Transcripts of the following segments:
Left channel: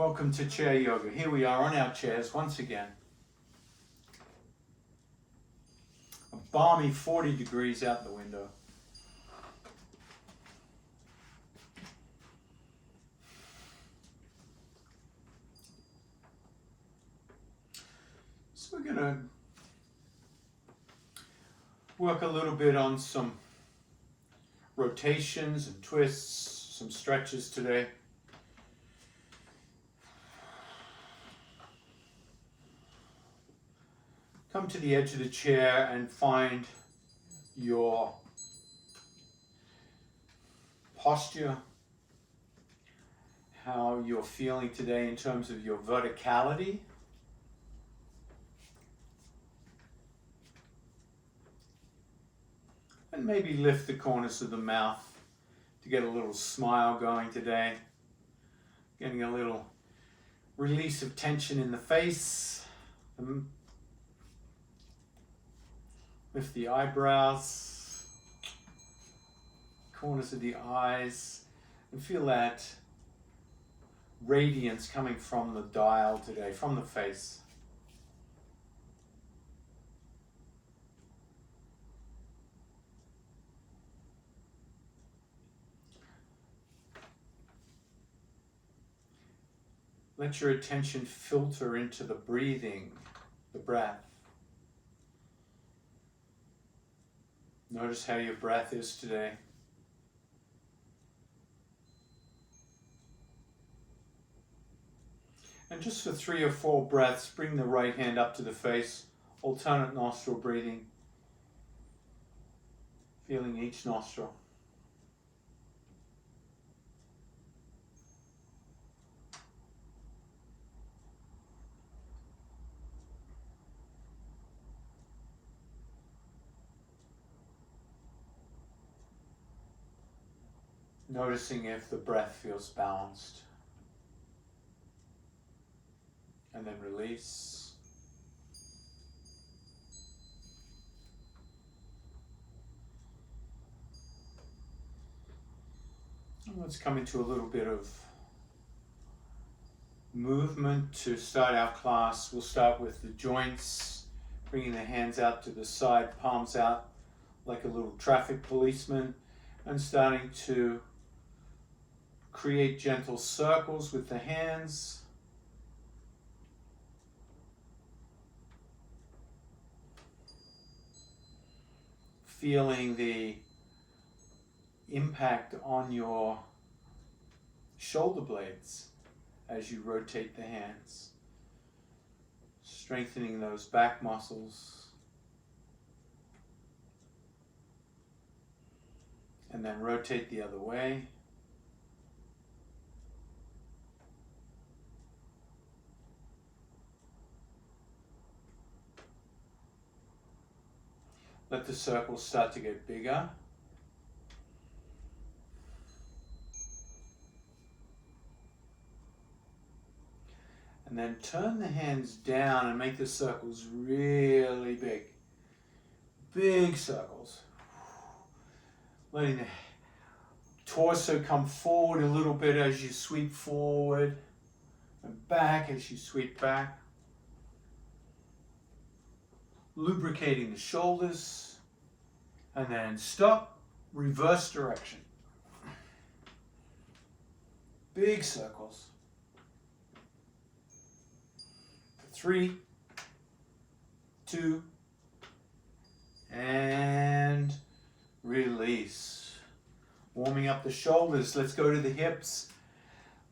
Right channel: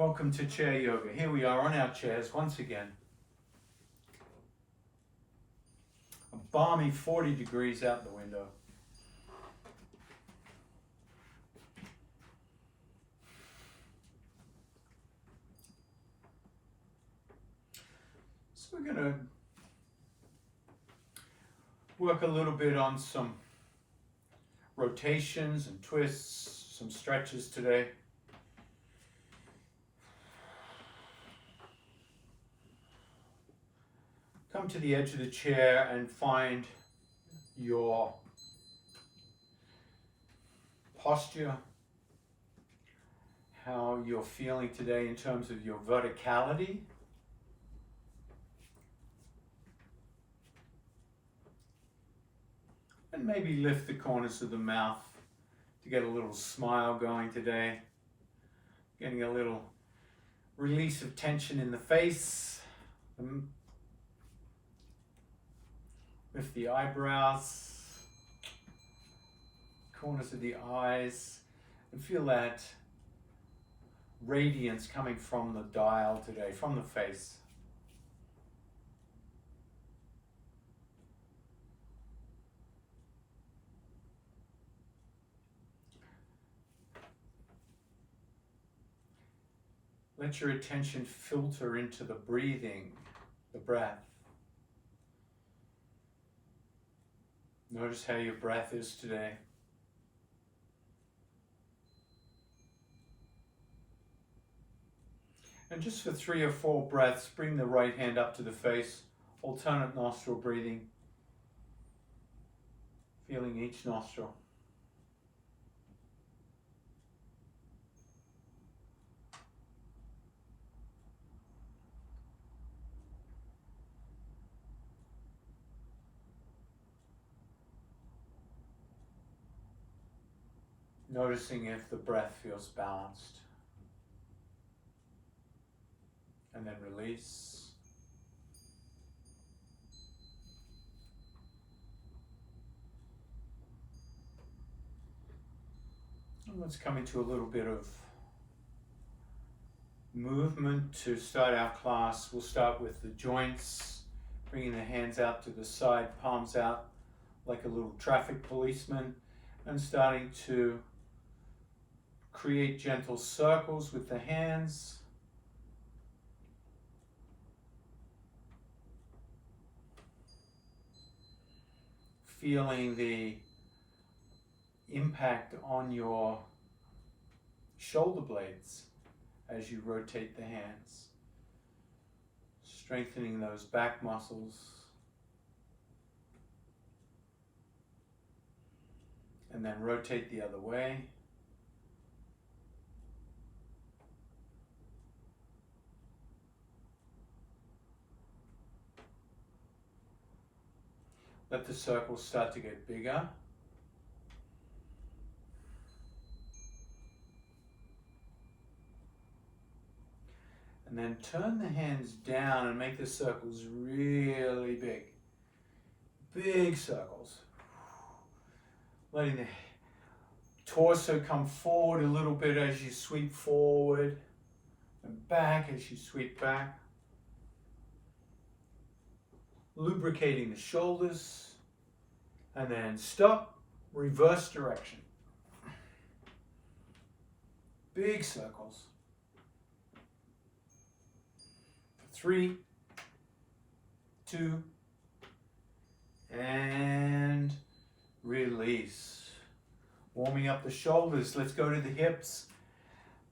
Welcome to Chair Yoga. Here we are on our chairs once again. A balmy 40 degrees out the window. So we're going to work a little bit on some rotations and twists, some stretches today. Come to the edge of the chair and find your posture, how you're feeling today in terms of your verticality. And maybe lift the corners of the mouth to get a little smile going today. Getting a little release of tension in the face. Lift the eyebrows, corners of the eyes, and feel that radiance coming from the dial today, from the face. Let your attention filter into the breathing, the breath. Notice how your breath is today. And just for 3 or 4 breaths, bring the right hand up to the face, alternate nostril breathing, feeling each nostril. Noticing if the breath feels balanced. And then release. And let's come into a little bit of movement to start our class. We'll start with the joints, bringing the hands out to the side, palms out like a little traffic policeman, and starting to create gentle circles with the hands. Feeling the impact on your shoulder blades as you rotate the hands. Strengthening those back muscles. And then rotate the other way. Let the circles start to get bigger. And then turn the hands down and make the circles really big. Big circles. Letting the torso come forward a little bit as you sweep forward and back as you sweep back. Lubricating the shoulders, and then stop, reverse direction. Big circles. 3, 2, and release. Warming up the shoulders. Let's go to the hips.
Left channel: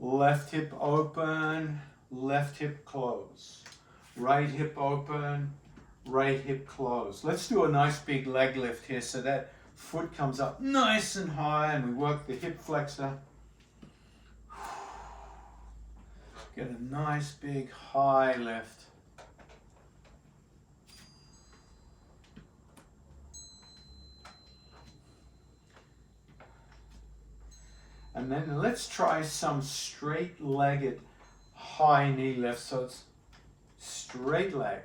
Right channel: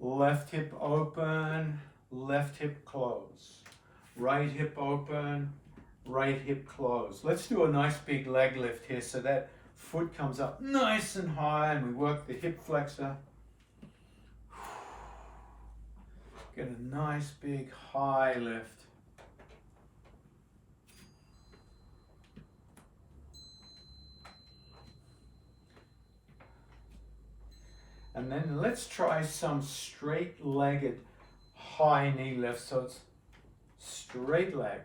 Left hip open, left hip close. Right hip open, right hip close. Let's do a nice big leg lift here so that foot comes up nice and high and we work the hip flexor. Get a nice big high lift. And then let's try some straight-legged high knee lifts. So it's straight leg.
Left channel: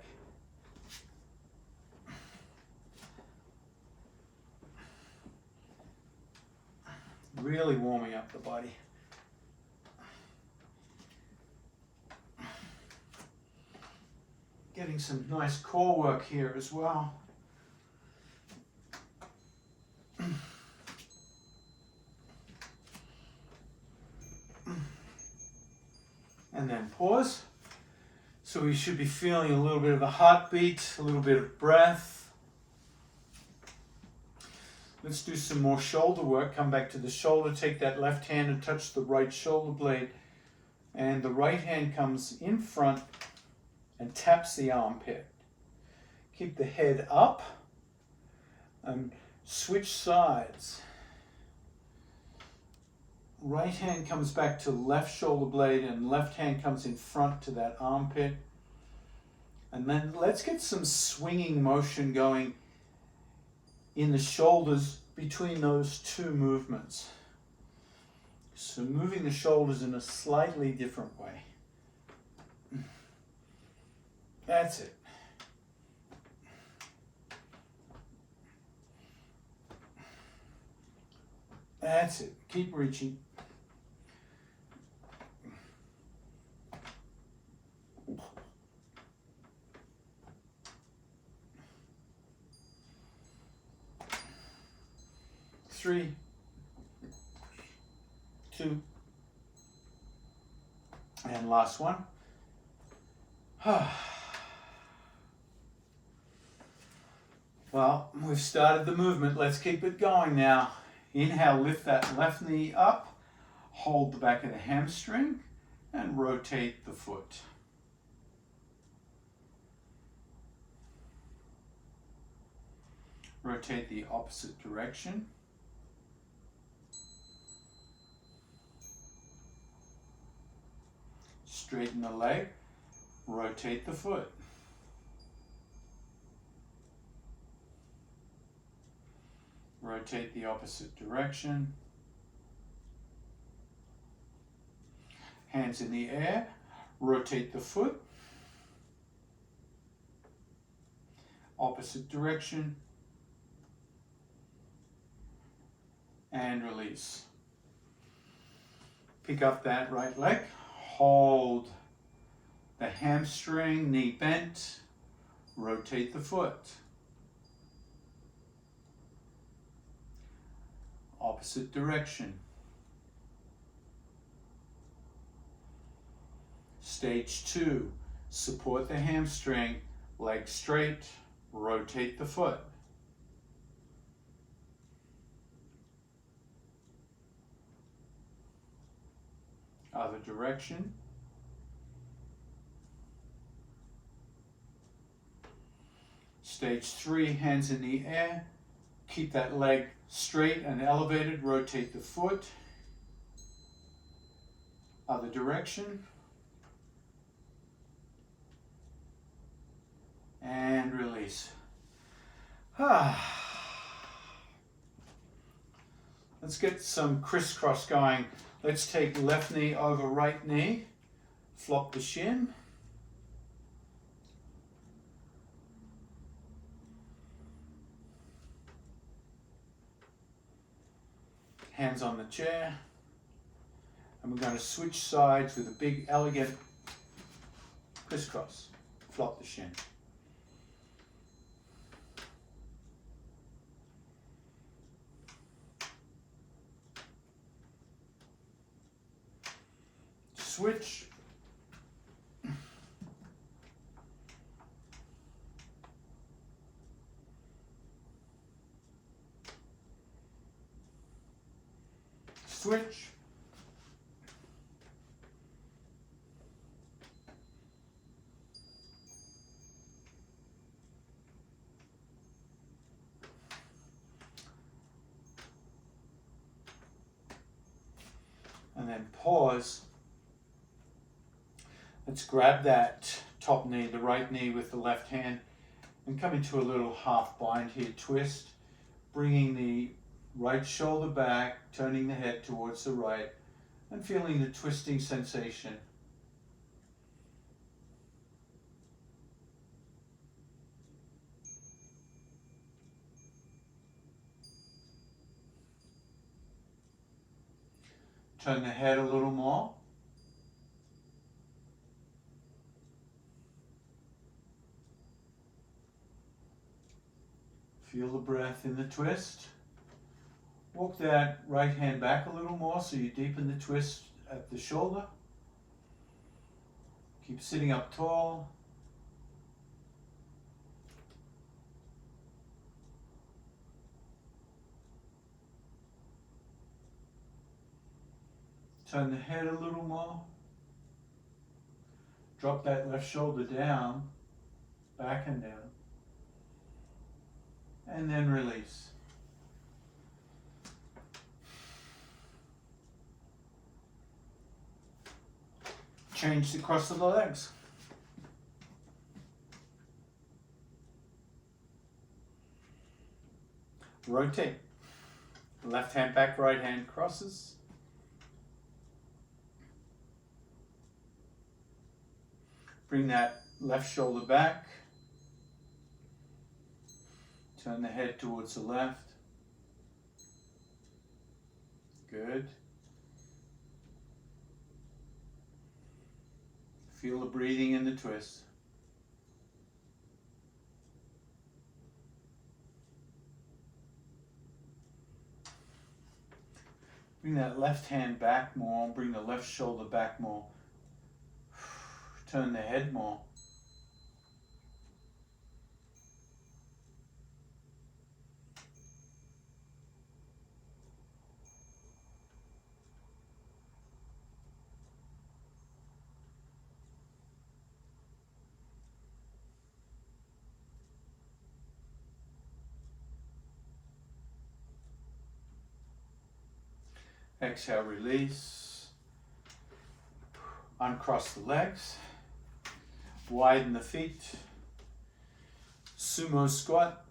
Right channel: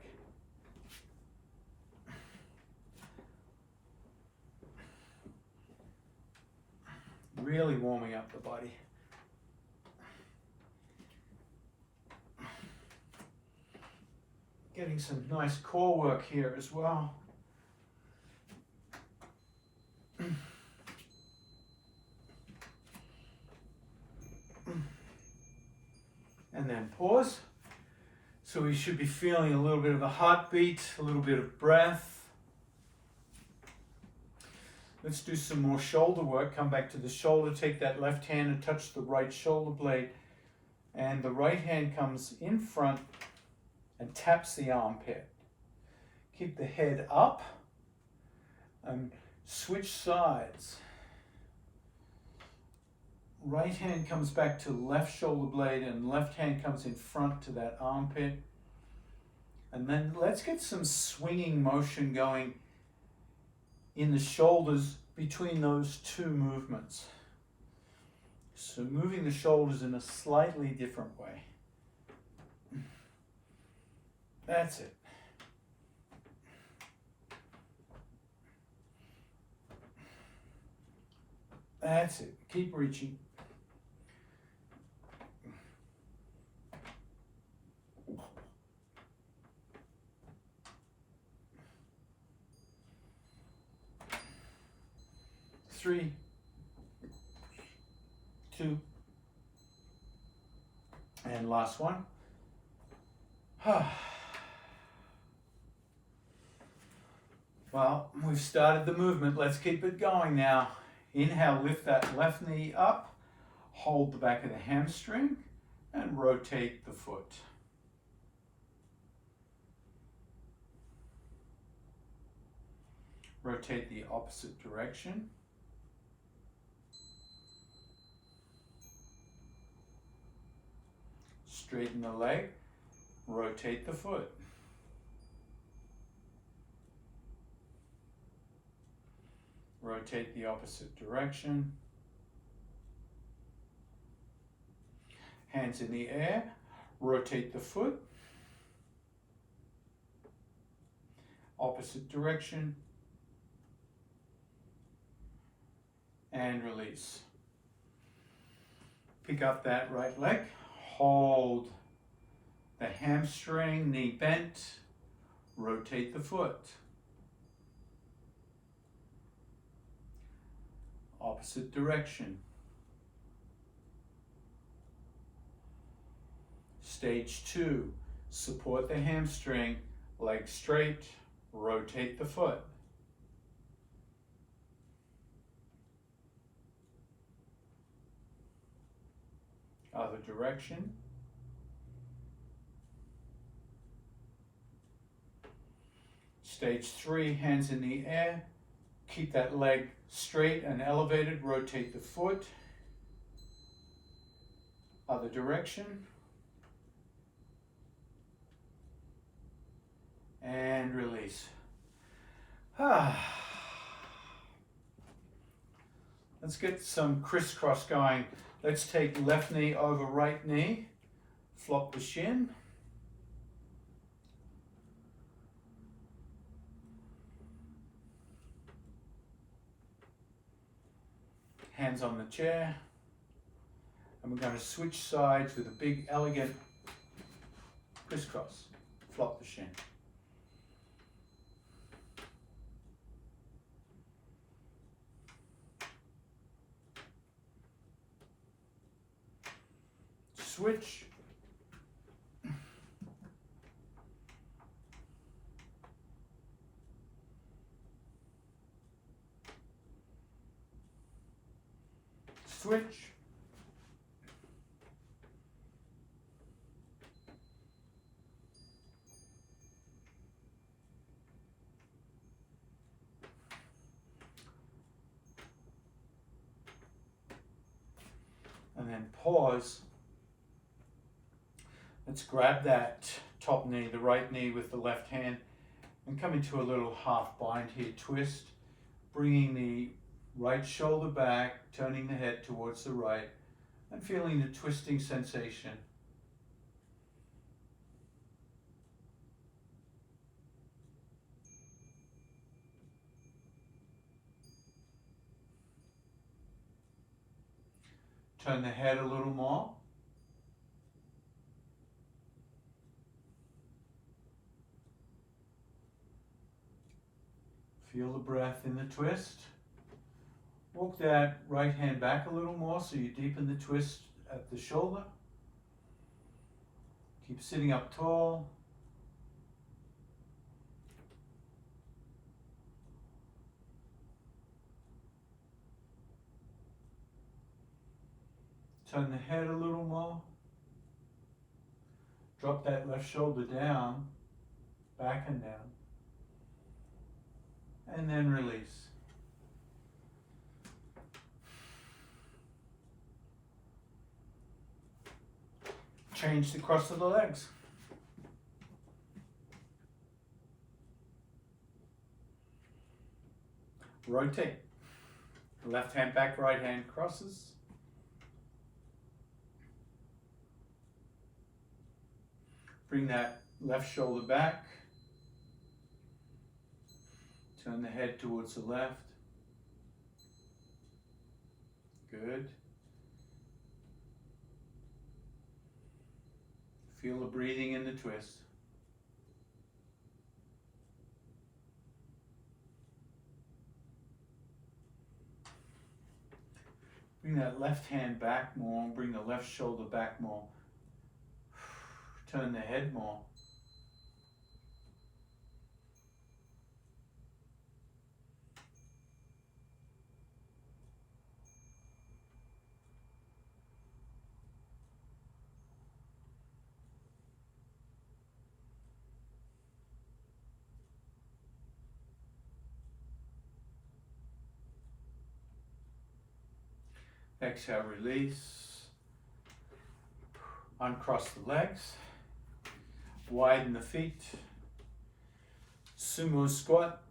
Really warming up the body. Getting some nice core work here as well. And then pause. So we should be feeling a little bit of a heartbeat, a little bit of breath. Let's do some more shoulder work. Come back to the shoulder. Take that left hand and touch the right shoulder blade. And the right hand comes in front and taps the armpit. Keep the head up and switch sides. Right hand comes back to left shoulder blade and left hand comes in front to that armpit. And then let's get some swinging motion going in the shoulders between those two movements. So moving the shoulders in a slightly different way. That's it. That's it. Keep reaching. Three, two, and last one. Well, we've started the movement. Let's keep it going now. Inhale, lift that left knee up, hold the back of the hamstring, and rotate the foot. Rotate the opposite direction. Straighten the leg, rotate the foot. Rotate the opposite direction. Hands in the air, rotate the foot. Opposite direction. And release. Pick up that right leg. Hold the hamstring, knee bent. Rotate the foot. Opposite direction. Stage 2. Support the hamstring, leg straight, rotate the foot. Other direction. Stage 3, hands in the air. Keep that leg straight and elevated, rotate the foot. Other direction. And release. Let's get some crisscross going. Let's take left knee over right knee. Flop the shin. Hands on the chair. And we're going to switch sides with a big, elegant crisscross. Flop the shin. Switch. Switch. And then pause. Let's grab that top knee, the right knee with the left hand, and come into a little half bind here, twist, bringing the right shoulder back, turning the head towards the right, and feeling the twisting sensation. Turn the head a little more. Feel the breath in the twist. Walk that right hand back a little more so you deepen the twist at the shoulder. Keep sitting up tall. Turn the head a little more. Drop that left shoulder down, back and down. And then release. Change the cross of the legs. Rotate. Left hand back, right hand crosses. Bring that left shoulder back. Turn the head towards the left. Good. Feel the breathing in the twist. Bring that left hand back more. Bring the left shoulder back more. Turn the head more. Exhale, release. Uncross the legs. Widen the feet. Sumo squat.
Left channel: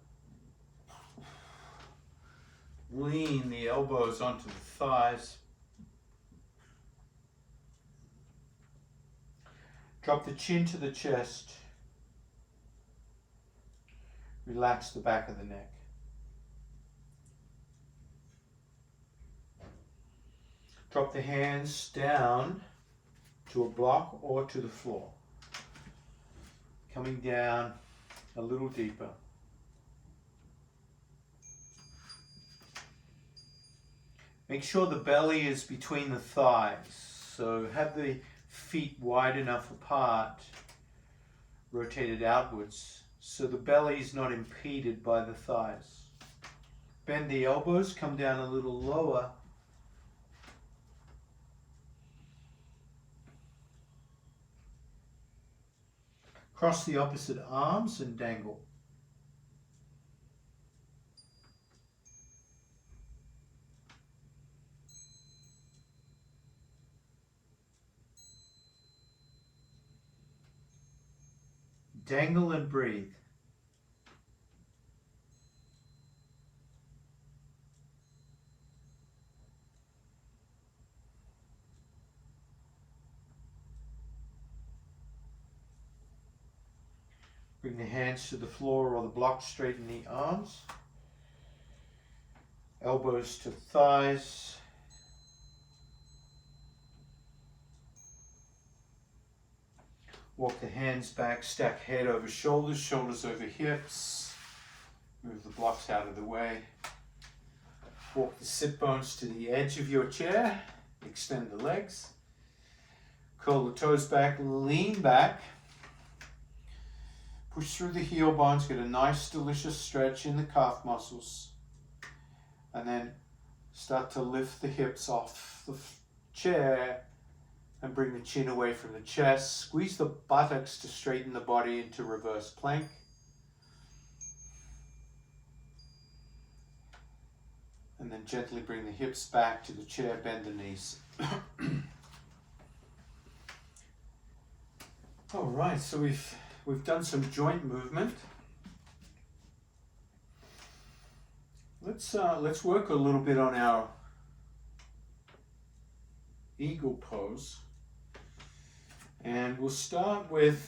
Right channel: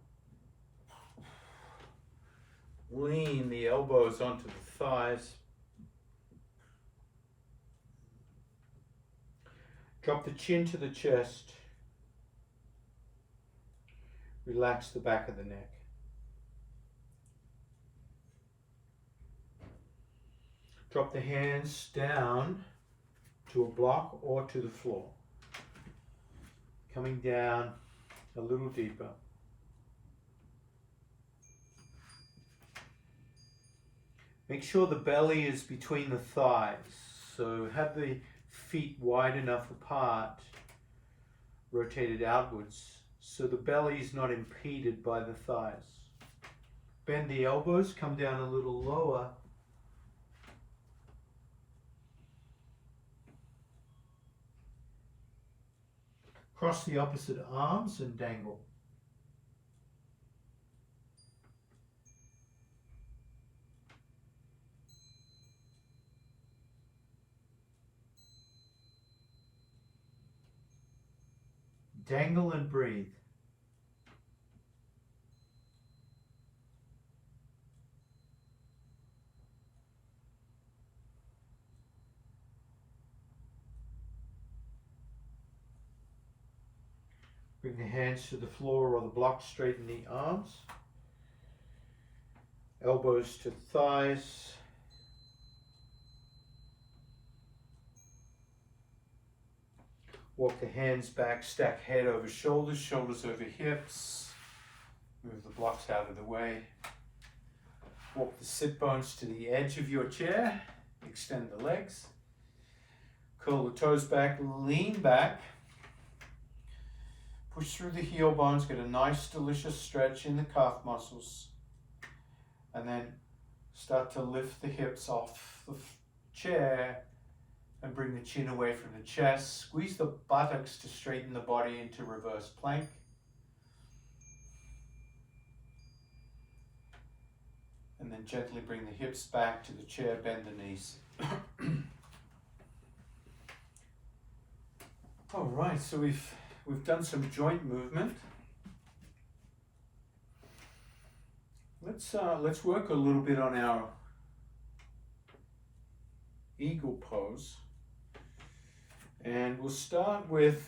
Lean the elbows onto the thighs. Drop the chin to the chest. Relax the back of the neck. Drop the hands down to a block or to the floor. Coming down a little deeper. Make sure the belly is between the thighs. So have the feet wide enough apart, rotated outwards, so the belly is not impeded by the thighs. Bend the elbows, come down a little lower. Cross the opposite arms and dangle. Dangle and breathe. Bring the hands to the floor or the block, straighten the arms. Elbows to thighs. Walk the hands back, stack head over shoulders, shoulders over hips. Move the blocks out of the way. Walk the sit bones to the edge of your chair. Extend the legs. Curl the toes back, lean back. Push through the heel bones, get a nice delicious stretch in the calf muscles. And then start to lift the hips off the chair and bring the chin away from the chest. Squeeze the buttocks to straighten the body into reverse plank. And then gently bring the hips back to the chair, bend the knees. All right, so we've done some joint movement. Let's work a little bit on our eagle pose. And we'll start with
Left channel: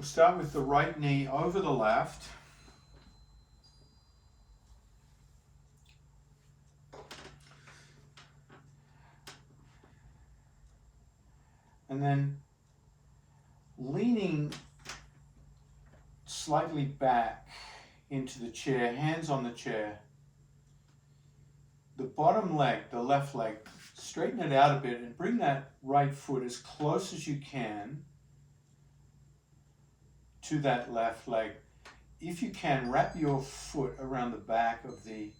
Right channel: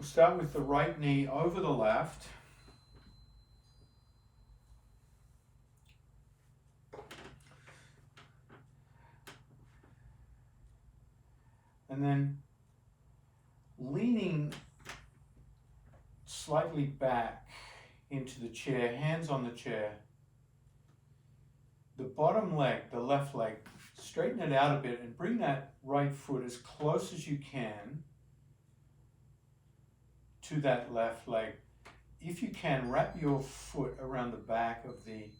the right knee over the left. And then leaning slightly back into the chair, hands on the chair. The bottom leg, the left leg, straighten it out a bit and bring that right foot as close as you can to that left leg. If you can, wrap your foot around the back of the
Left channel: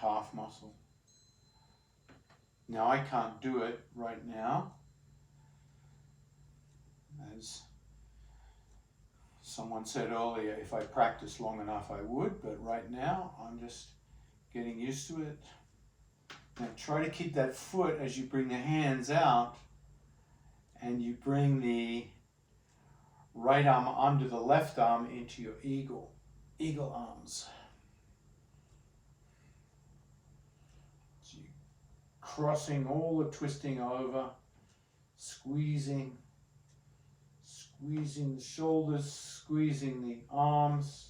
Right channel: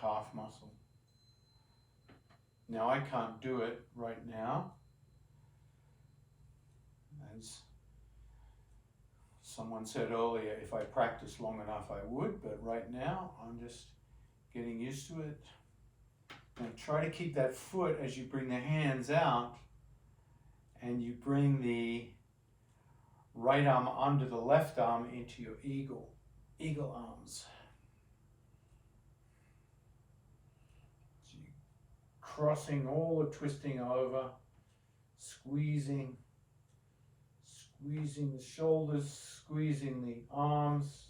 calf muscle. Now I can't do it right now, as someone said earlier, if I practiced long enough I would, but right now I'm just getting used to it. Now try to keep that foot as you bring the hands out and you bring the right arm under the left arm into your eagle arms. So you're crossing all the twisting over, squeezing the shoulders, squeezing the arms.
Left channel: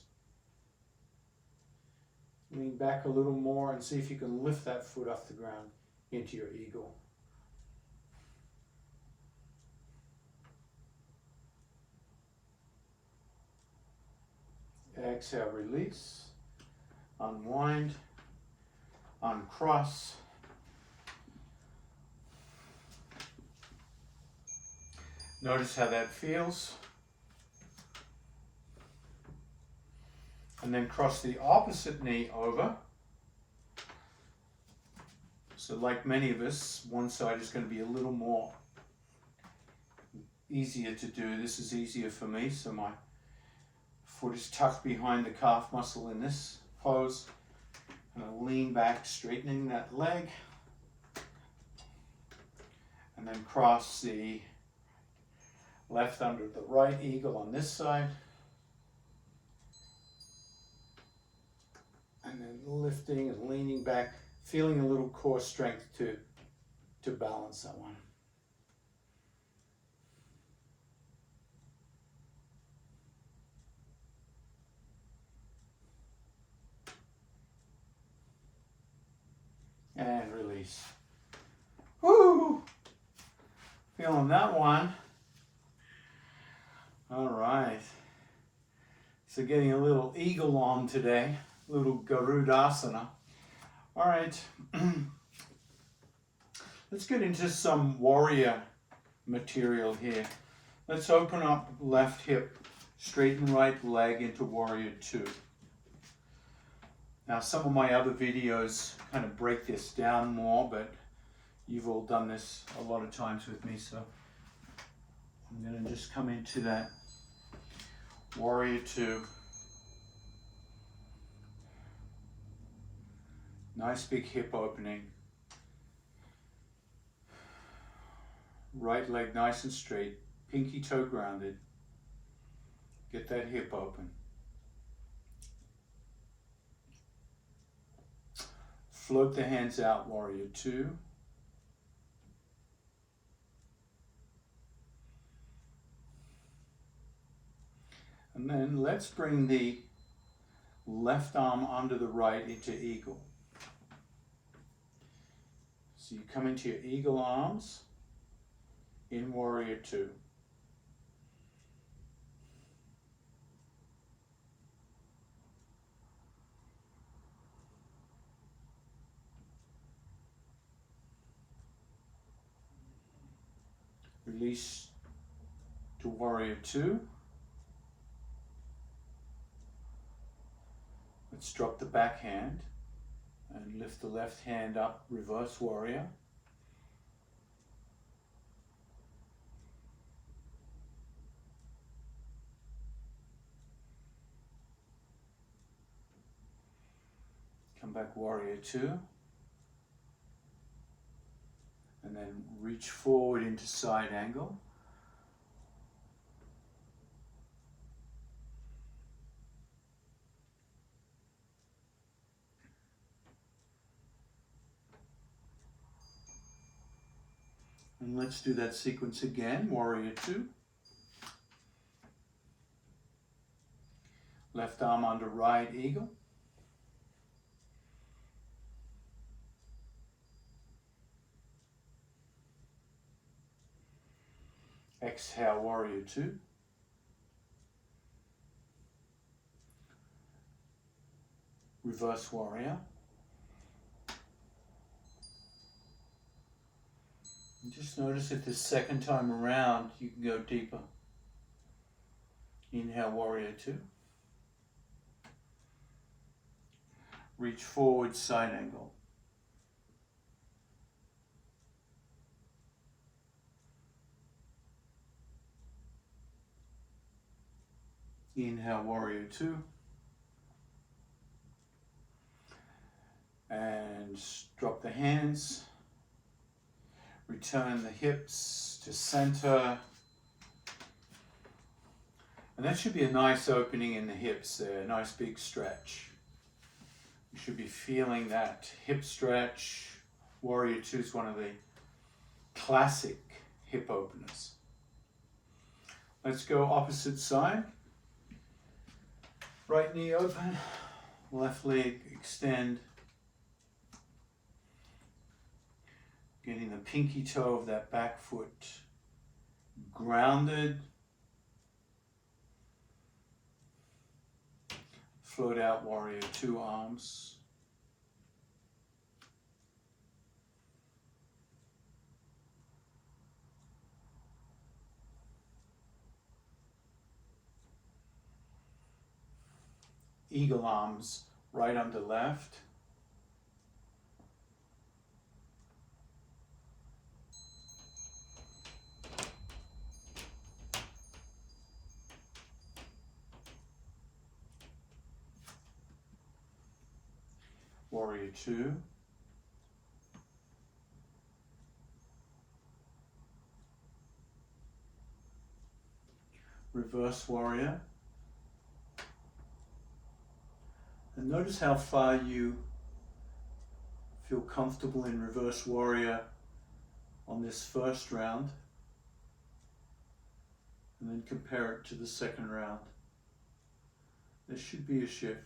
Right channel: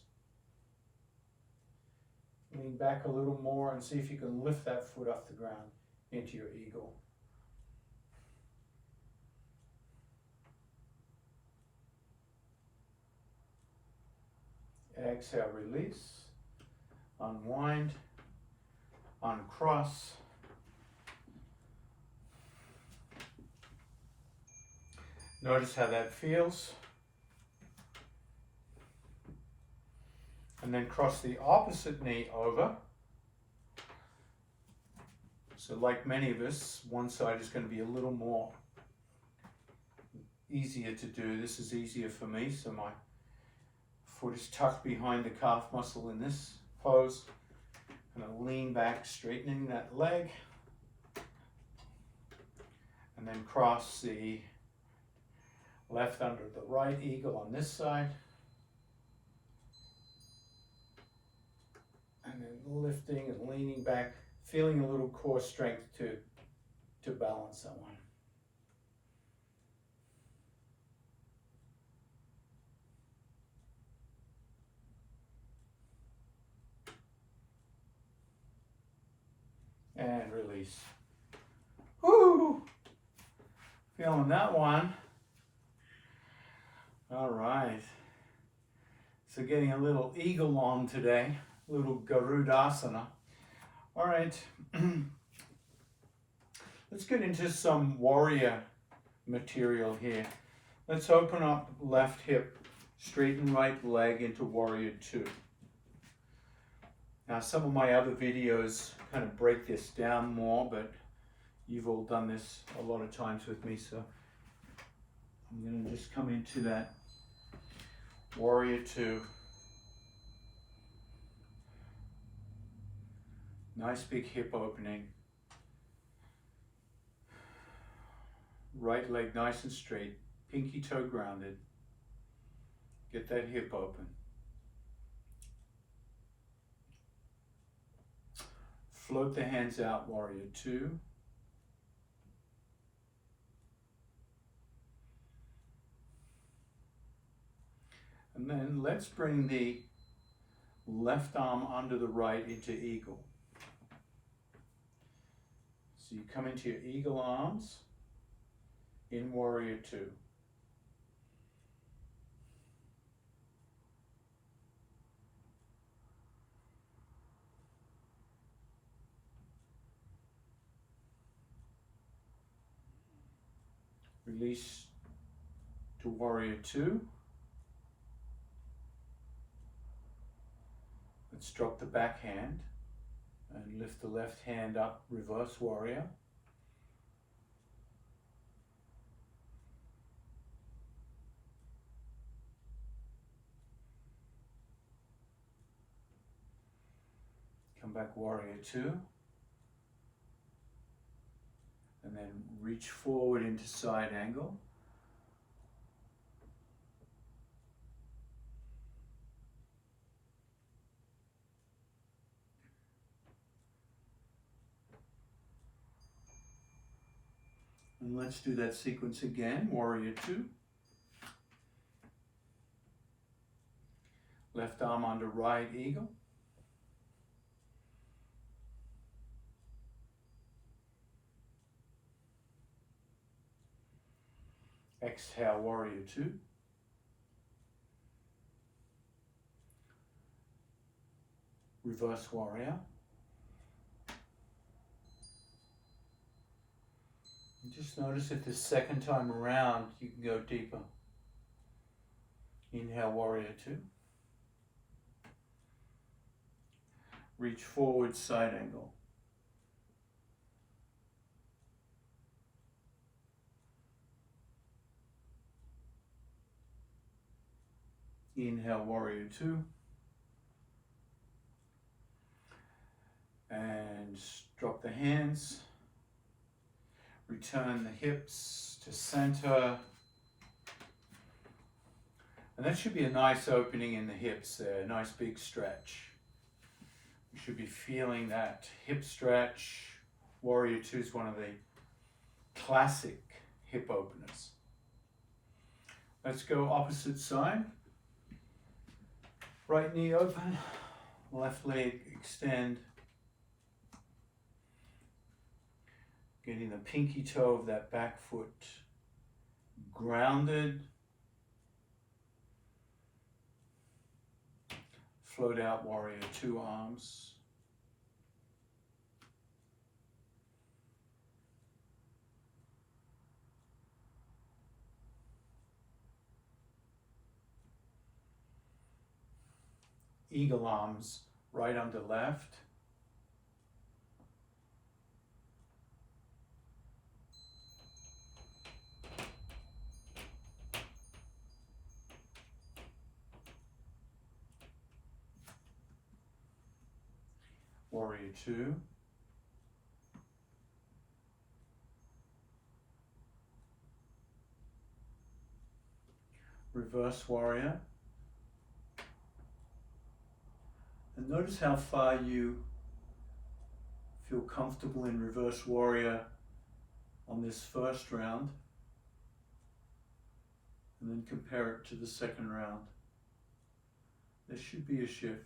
Lean back a little more and see if you can lift that foot off the ground into your eagle. Exhale, release, unwind, uncross. Notice how that feels. And then cross the opposite knee over. So like many of us, one side is going to be a little more easier to do. This is easier for me, so my foot is tucked behind the calf muscle in this pose. And I lean back, straightening that leg. And then cross the left under the right eagle on this side. And then lifting and leaning back, feeling a little core strength to balance that one. And release. Woo! Feeling that one. All right. So getting a little eagle on today, a little Garudasana. All right. Let's get into some warrior material here. Let's open up left hip, straighten right leg into warrior two. Now some of my other videos kind of break this down more, but you've all done this a lot of times with me, so I'm going to just come into that warrior two. Nice big hip opening. Right leg nice and straight, pinky toe grounded. Get that hip open. Float the hands out, warrior two. And then let's bring the left arm under the right into eagle. So you come into your eagle arms in warrior two. Release to warrior two. Let's drop the back hand and lift the left hand up, reverse warrior. Come back, warrior two. And then reach forward into side angle. And let's do that sequence again, warrior two. Left arm under right eagle. Exhale, warrior two. Reverse warrior. And just notice if this second time around you can go deeper. Inhale, warrior two. Reach forward, side angle. Inhale, warrior two. And drop the hands. Return the hips to center. And that should be a nice opening in the hips there, a nice big stretch. You should be feeling that hip stretch. Warrior two is one of the classic hip openers. Let's go opposite side. Right knee open, left leg extend. Getting the pinky toe of that back foot grounded. Float out, warrior two arms. Eagle arms, right under left. Warrior two. Reverse warrior. And notice how far you feel comfortable in reverse warrior on this first round. And then compare it to the second round. There should be a shift.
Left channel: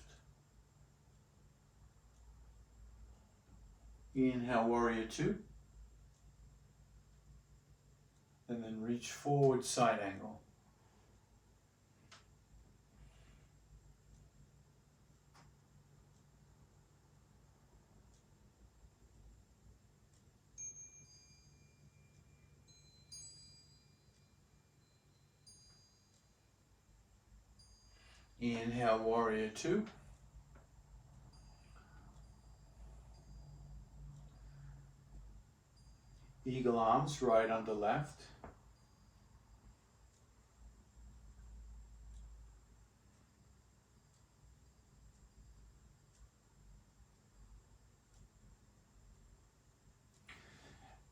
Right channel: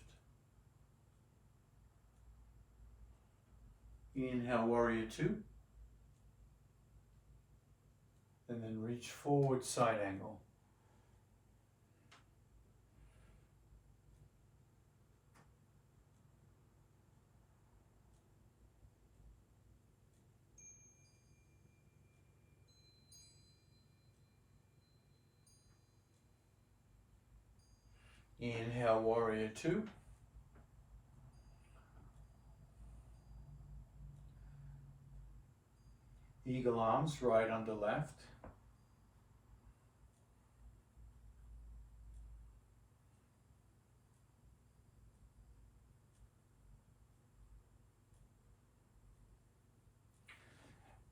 Inhale, warrior two. And then reach forward, side angle. Inhale, warrior two. Eagle arms, right under left.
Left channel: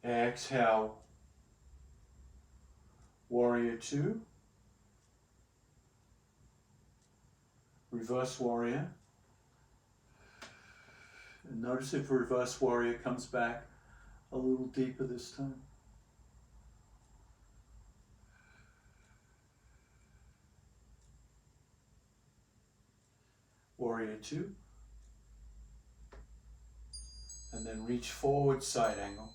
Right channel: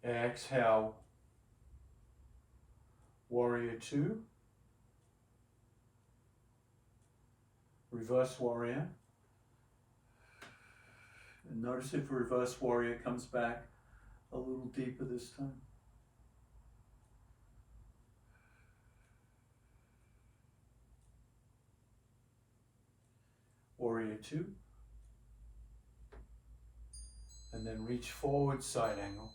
Exhale, warrior two. Reverse warrior. And notice if reverse warrior comes back a little deeper this time. Warrior two. And then reach forward, side angle.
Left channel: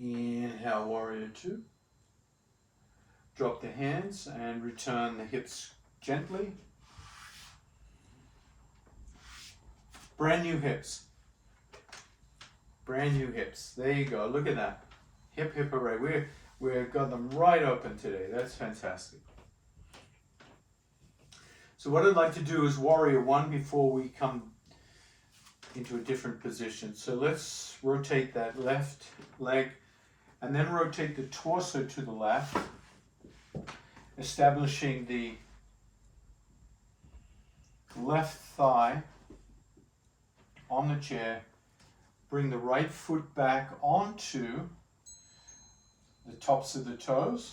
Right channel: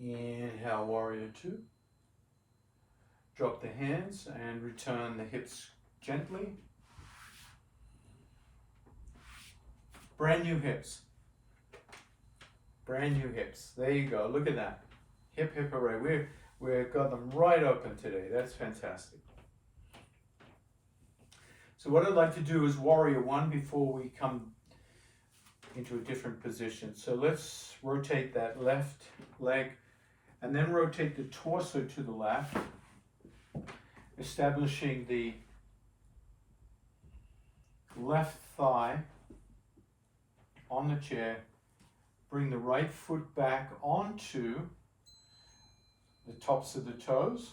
Inhale, warrior two. Drop the hands and return the hips gently. Brand new hips. Brand new hips. There you go. Look at that. Hip, hip, hooray. We've got them right open today. That's fantastic. So what I'd like to do is warrior one before we come into a different position. So let's rotate that left leg and then rotate the torso to the left, establishing the left thigh on the chair. Bring the right foot back onto the tops of the toes.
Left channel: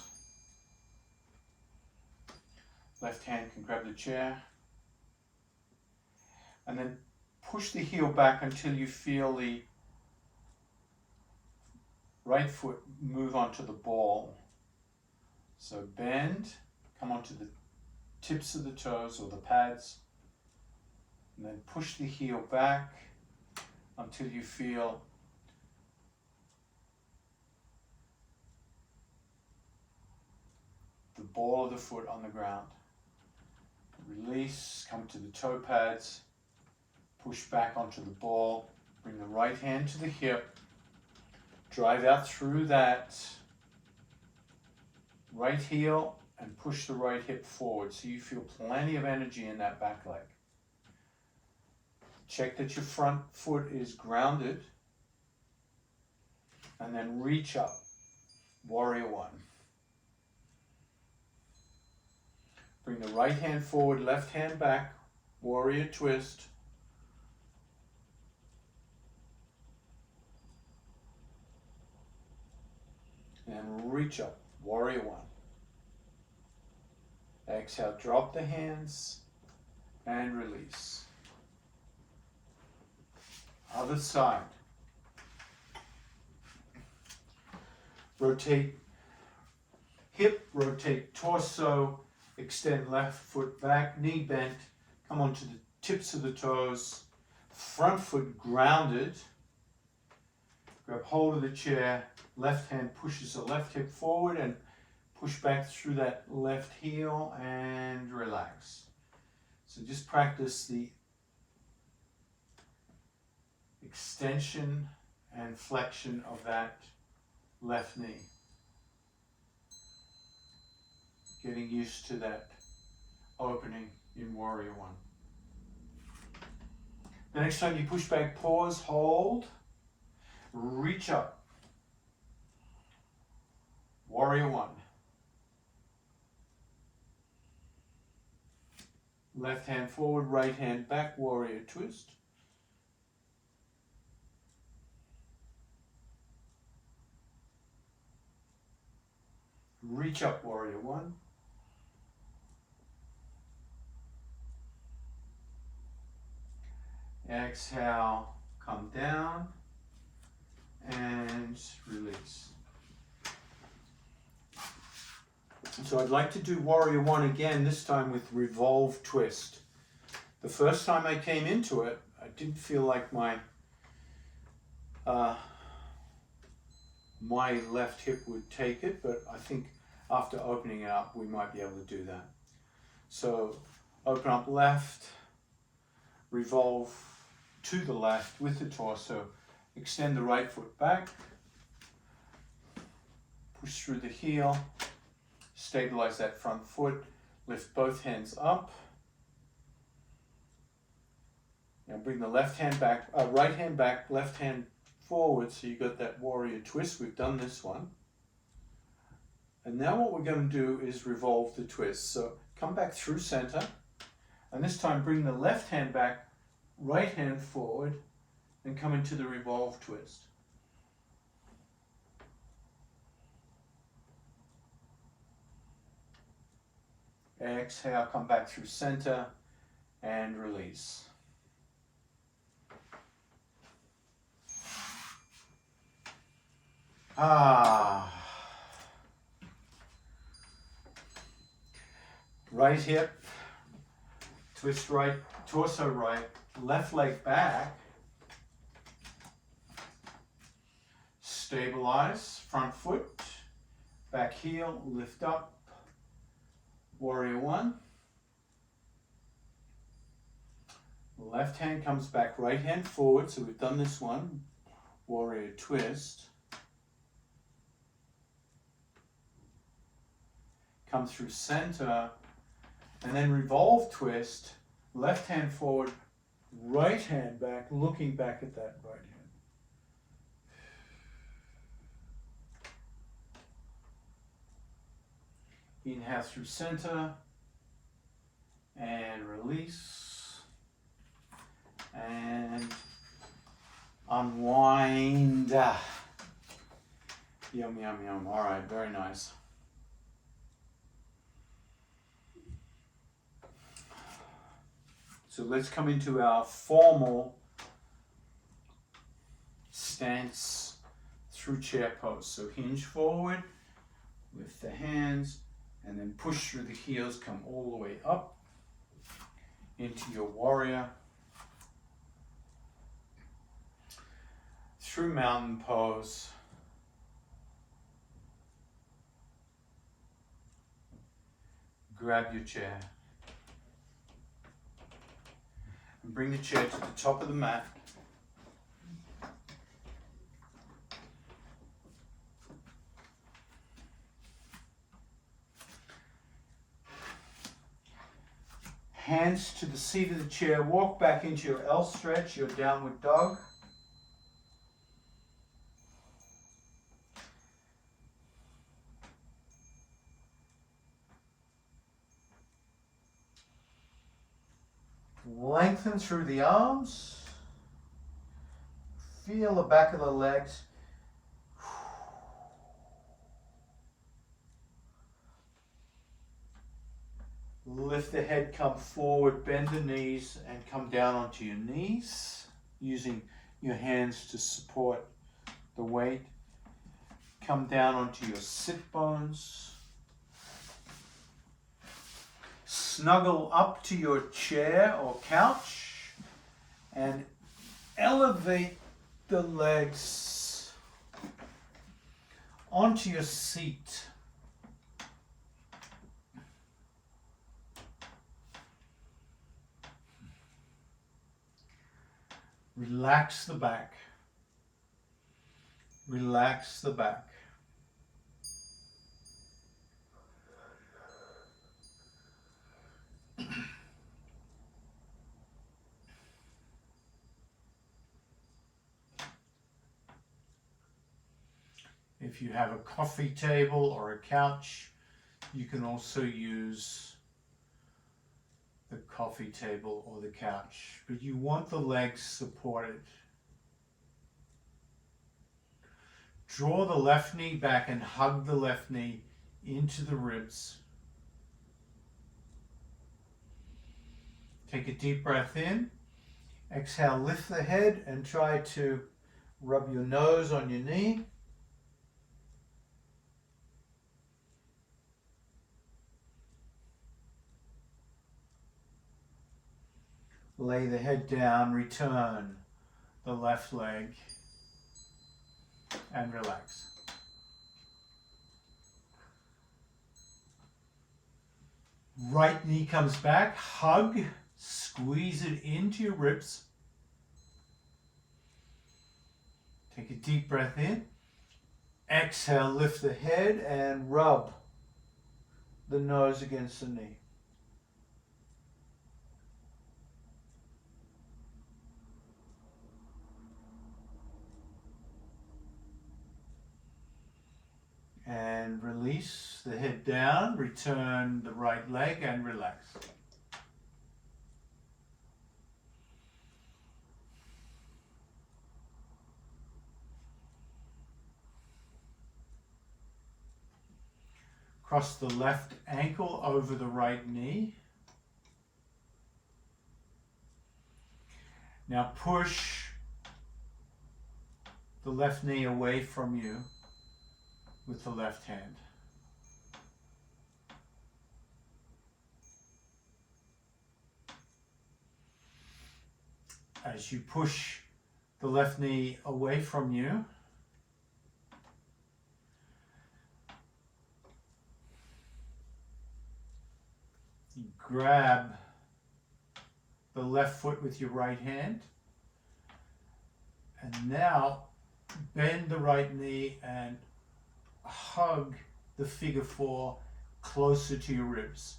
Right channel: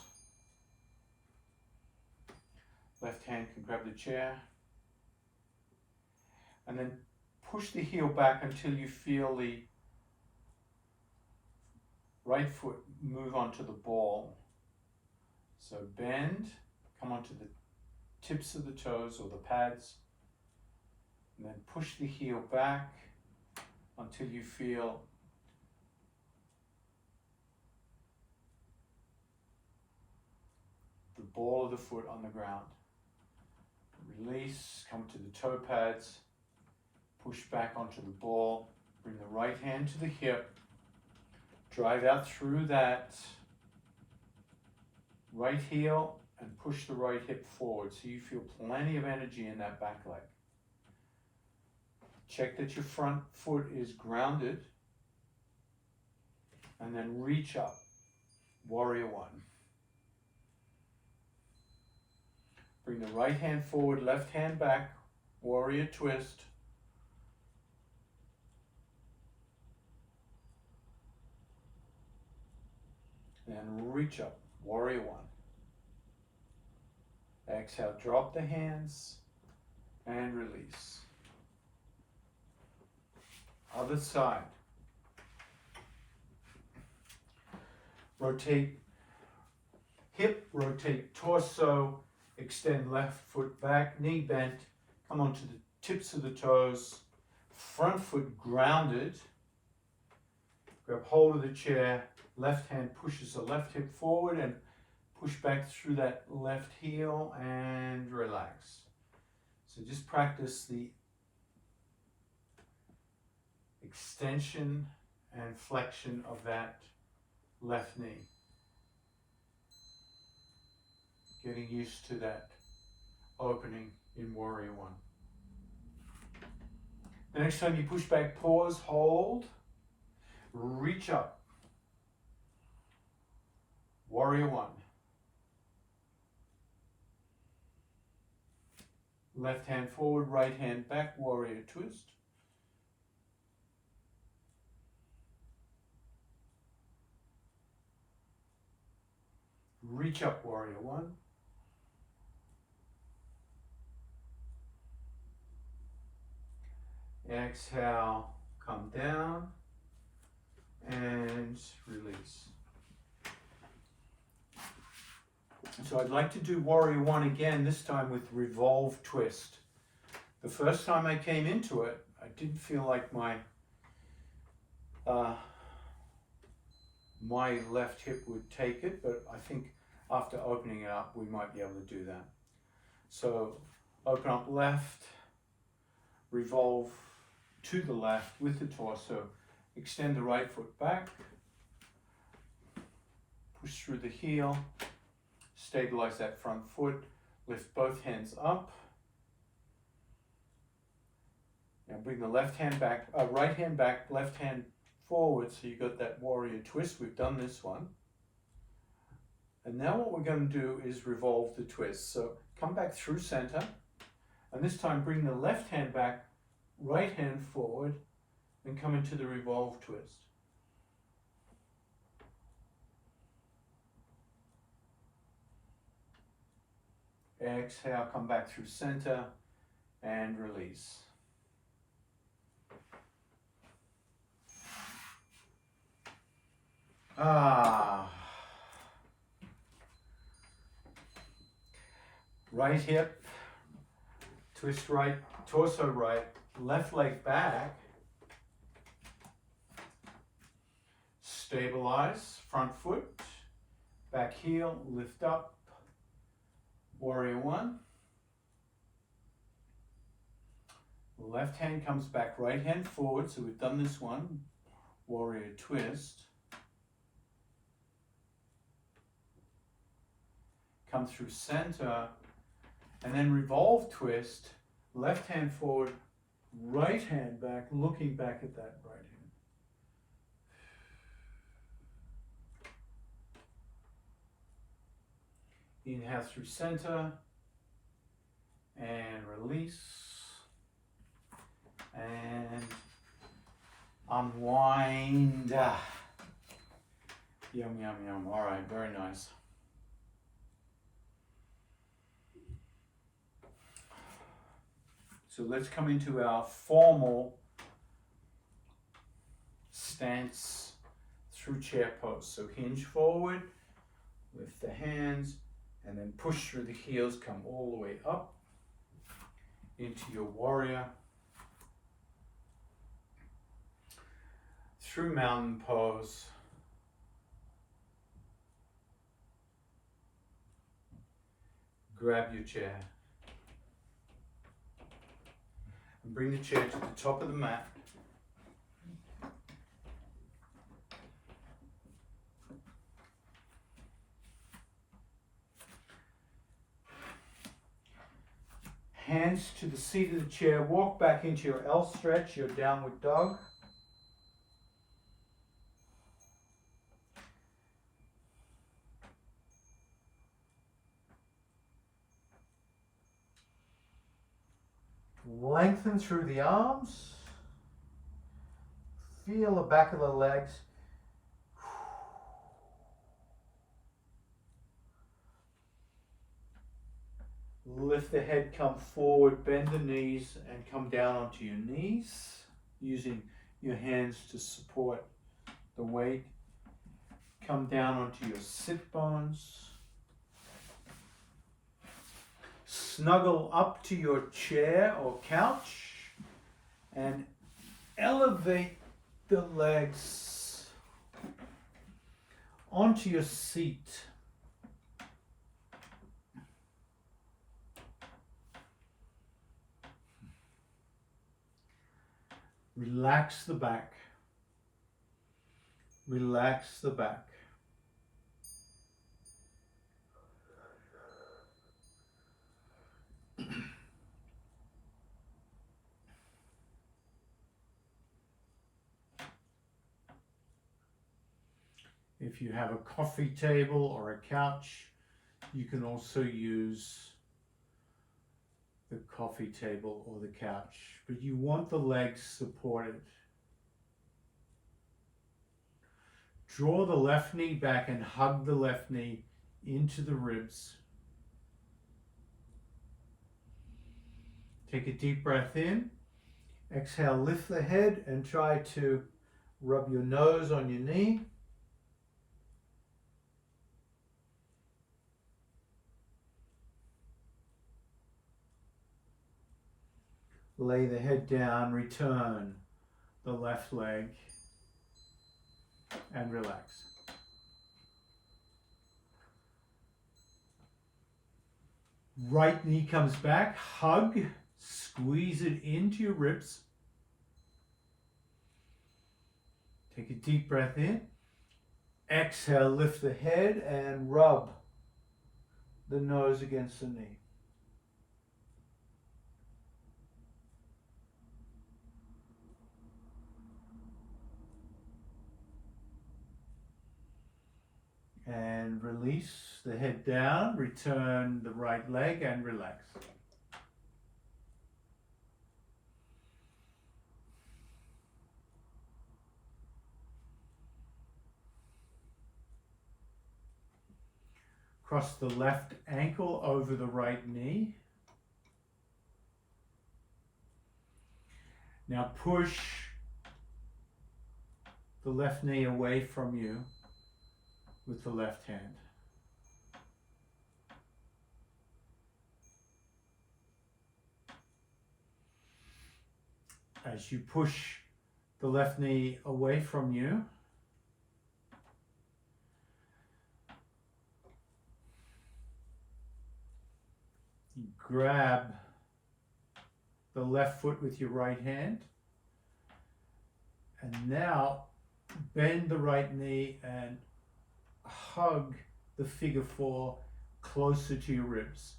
Left hand can grab the chair. And then push the heel back until you feel the right foot move onto the ball. So bend, come onto the tips of the toes or the pads, and then push the heel back until you feel ball of the foot on the ground. Release, come to the toe pads, push back onto the ball, bring the right hand to the hip, drive out through that right heel and push the right hip forward so you feel plenty of energy in that back leg. Check that your front foot is grounded and then reach up, warrior one. Bring the right hand forward, left hand back, warrior twist. And reach up, warrior one. Exhale, drop the hands and release. Other side. Rotate hip, rotate torso, extend left foot back, knee bent, come onto the tips of the toes, front foot grounded, grab hold of the chair, left hand pushes the left hip forward and push back through that left heel and relax. So just practice the extension and flexion of that left knee. Getting used to that opening in warrior one. The next time you push back, pause, hold, reach up. Warrior one. Left hand forward, right hand back, warrior twist. Reach up, warrior one. Exhale, come down and release. So I'd like to do warrior one again, this time with revolve twist. The first time I came into it, I didn't feel like my left hip would take it, but I think after opening it up, we might be able to do that. So open up left, revolve to the left with the torso, extend the right foot back, push through the heel, stabilize that front foot, lift both hands up. Now bring the left hand back, right hand back, left hand forward, so you got that warrior twist. We've done this one. And now what we're going to do is revolve the twist. So come back through center, and this time bring the left hand back, right hand forward, and come into the revolve twist. Exhale, come back through center and release. Right hip, twist right, torso right, left leg back, stabilize, front foot, back heel, lift up, warrior one. Left hand comes back, right hand forward, so we've done this one, warrior twist. Come through center, and then revolve twist, left hand forward, right hand back, looking back at that right hand. Inhale through center, and release, and unwind. Yum, yum, yum. All right, very nice. So let's come into our formal stance through chair pose. So hinge forward, lift the hands, and then push through the heels, come all the way up into your warrior. Through mountain pose. grab your chair. And bring the chair to the top of the mat. Hands to the seat of the chair. Walk back into your L stretch, your downward dog. Lengthen through the arms. Feel the back of the legs. Lift the head, come forward, bend the knees, and come down onto your knees, using your hands to support the weight. Come down onto your sit bones. Snuggle up to your chair or couch and elevate the legs onto your seat. Relax the back. Relax the back. If you have a coffee table or a couch, you can also use the coffee table or the couch, but you want the legs supported. Draw the left knee back and hug the left knee into the ribs. Take a deep breath in. Exhale, lift the head and try to rub your nose on your knee. Lay the head down, return the left leg and relax. Right knee comes back, hug, squeeze it into your ribs. Take a deep breath in. Exhale, lift the head and rub the nose against the knee. And release the head down, return the right leg and relax. Cross the left ankle over the right knee. Now push the left knee away from you with the left hand. As you push the left knee away from you, you grab the left foot with your right hand, and now bend the right knee and hug the figure four closer to your ribs.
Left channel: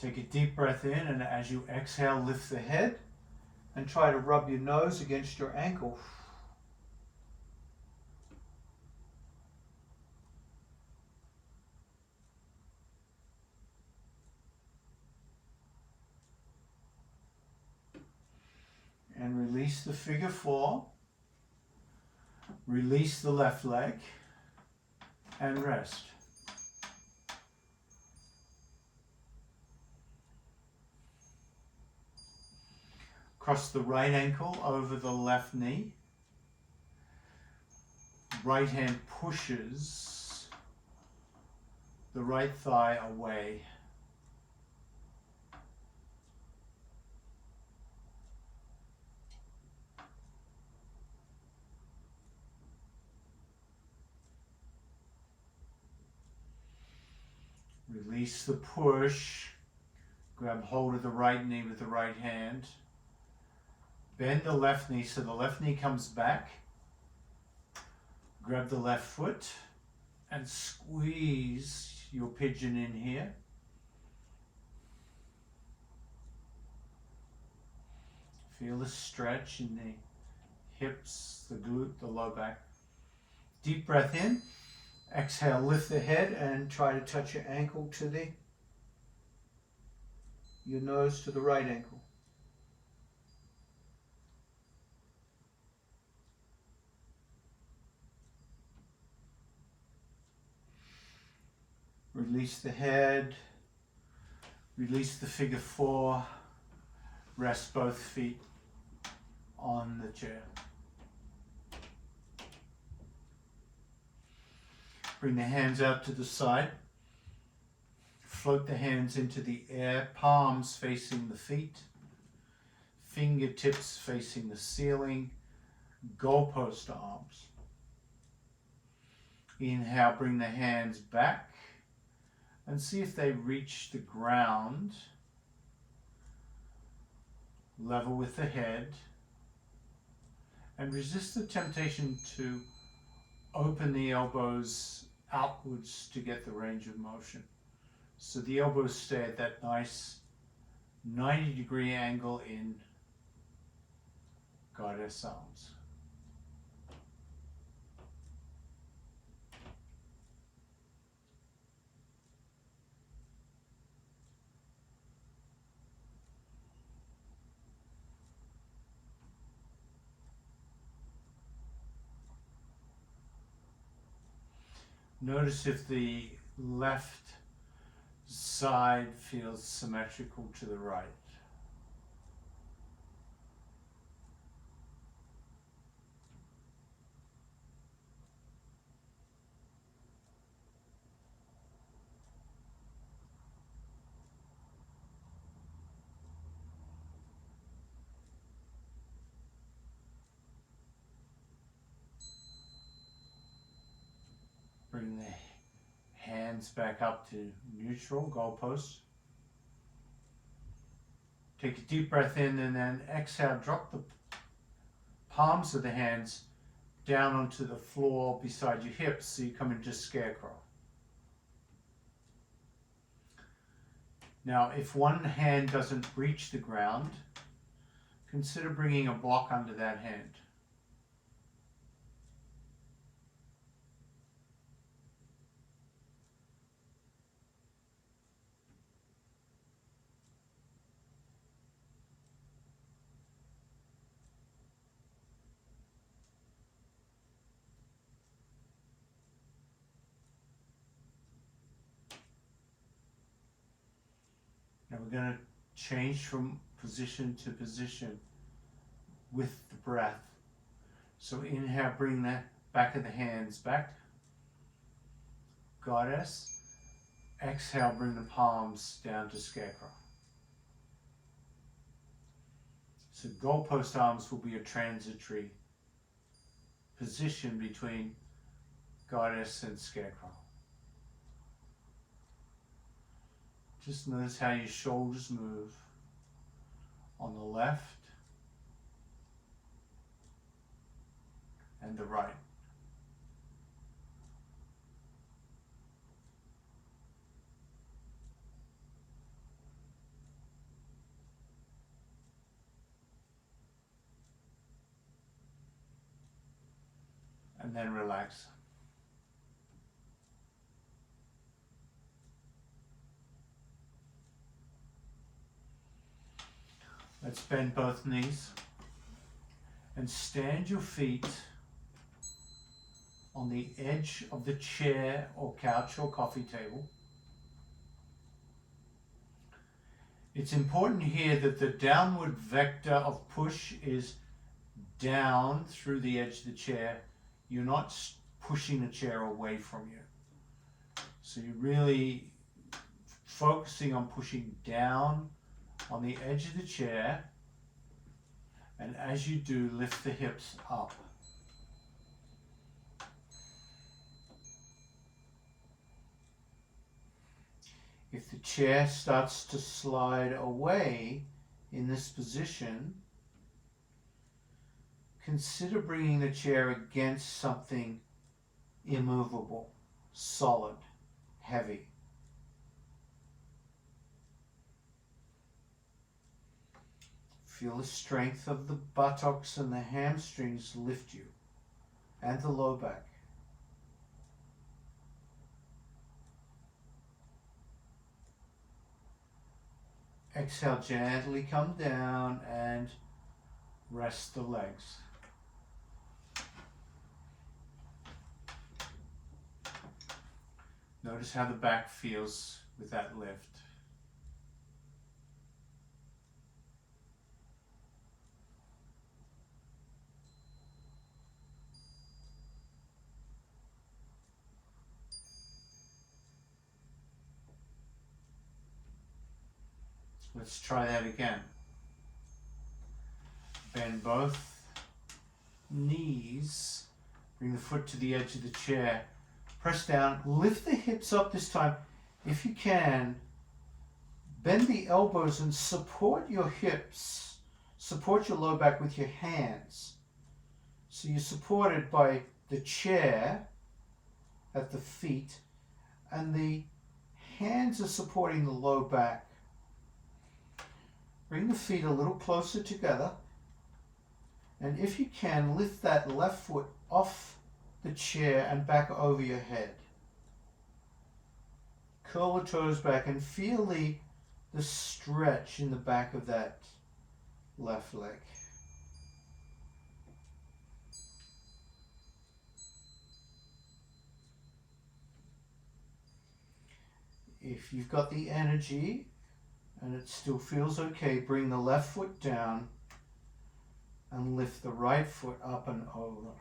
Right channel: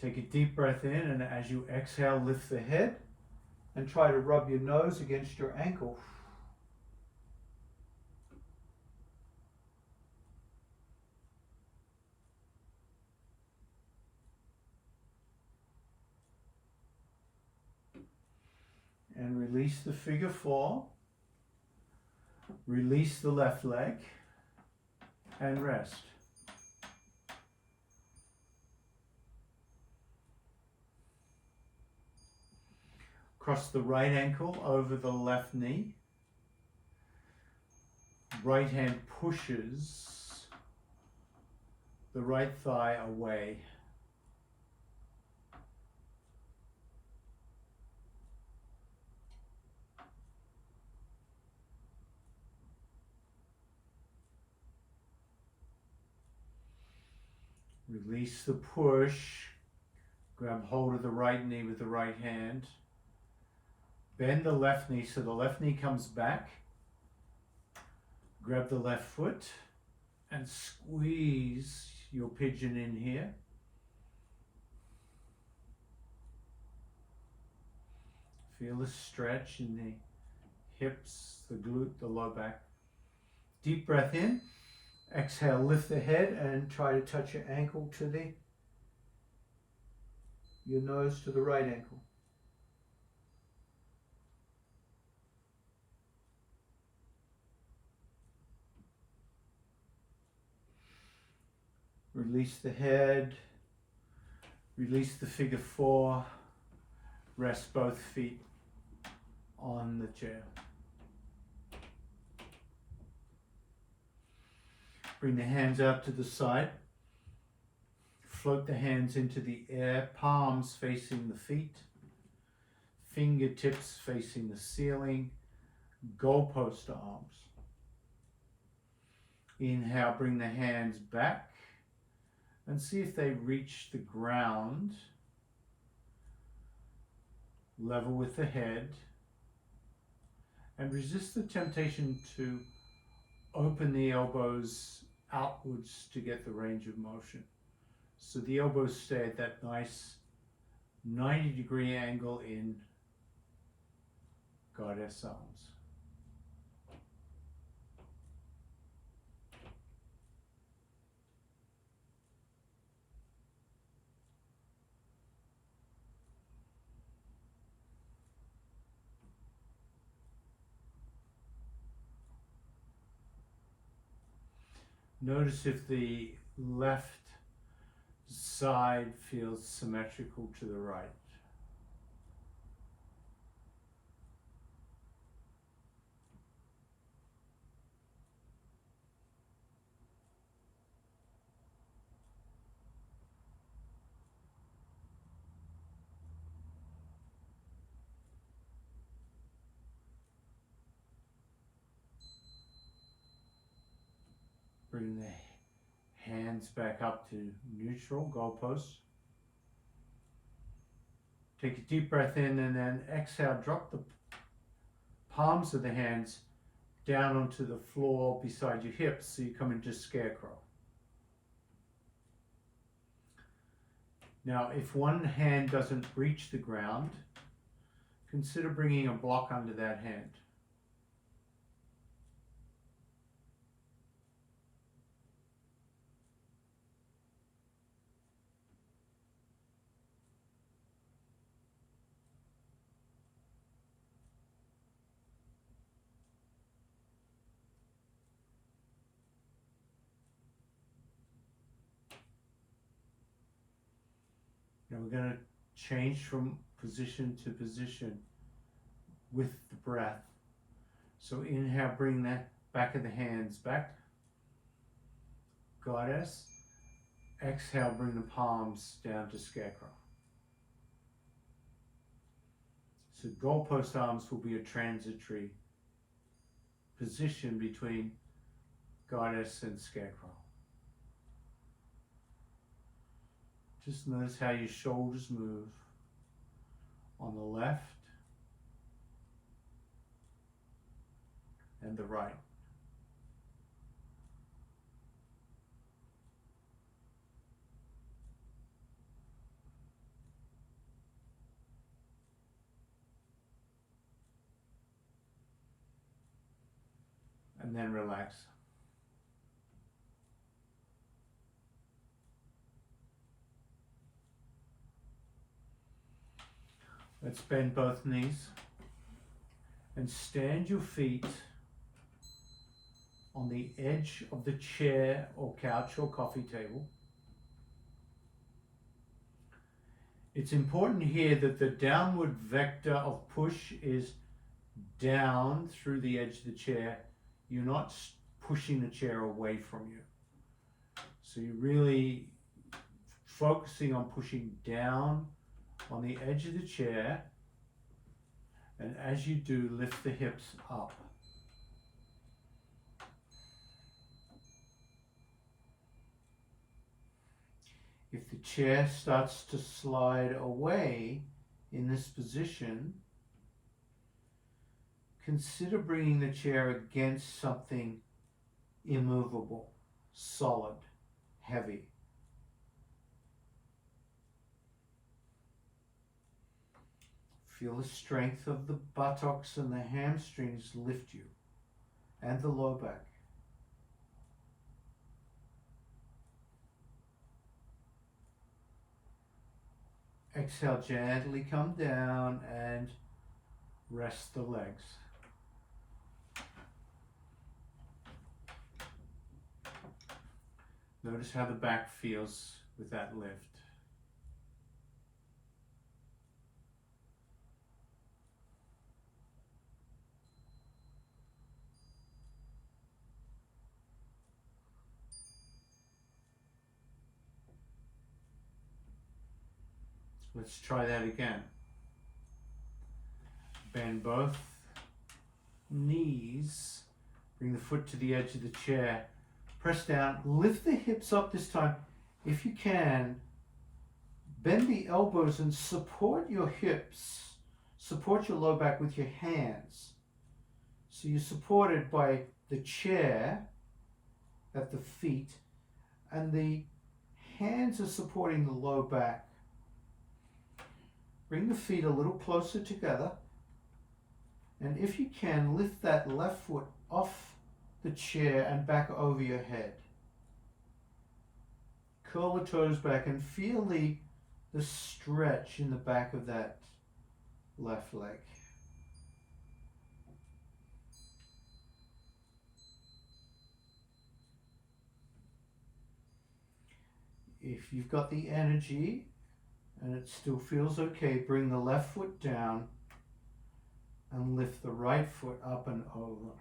Take a deep breath in, and as you exhale, lift the head and try to rub your nose against your ankle. And release the figure four. Release the left leg and rest. Cross the right ankle over the left knee. Right hand pushes the right thigh away. Release the push. Grab hold of the right knee with the right hand. Bend the left knee so the left knee comes back. Grab the left foot and squeeze your pigeon in here. Feel the stretch in the hips, the glute, the low back. Deep breath in. Exhale, lift the head and try to touch your ankle to your nose to the right ankle. Release the head, release the figure four, rest both feet on the chair. Bring the hands out to the side. Float the hands into the air, palms facing the feet, fingertips facing the ceiling, goalpost arms. Inhale, bring the hands back and see if they reach the ground, level with the head, and resist the temptation to open the elbows outwards to get the range of motion. So the elbows stay at that nice 90-degree angle in goddess arms. Notice if the left side feels symmetrical to the right. Bring the hands back up to neutral, goalposts. Take a deep breath in and then exhale, drop the palms of the hands down onto the floor beside your hips so you come into scarecrow. Now, if one hand doesn't reach the ground, consider bringing a block under that hand. Now we're going to change from position to position with the breath. So inhale, bring the back of the hands back. Goddess. Exhale, bring the palms down to scarecrow. So goalpost arms will be a transitory position between goddess and scarecrow. Just notice how your shoulders move on the left and the right. And then relax. Let's bend both knees and stand your feet on the edge of the chair or couch or coffee table. It's important here that the downward vector of push is down through the edge of the chair. You're not pushing the chair away from you. So you're really focusing on pushing down on the edge of the chair, and as you do, lift the hips up. chair starts to slide away in this position, consider bringing the chair against something immovable, solid, heavy. Feel the strength of the buttocks and the hamstrings lift you, and the low back. Exhale, gently come down and rest the legs. Notice how the back feels with that lift. Let's try that again. Bend both knees, bring the foot to the edge of the chair, press down, lift the hips up this time. If you can, bend the elbows and support your hips, support your low back with your hands. So you're supported by the chair at the feet, and the hands are supporting the low back. Bring the feet a little closer together, and if you can, lift that left foot off the chair and back over your head. Curl the toes back and feel the stretch in the back of that left leg. If you've got the energy and it still feels okay, bring the left foot down and lift the right foot up and over.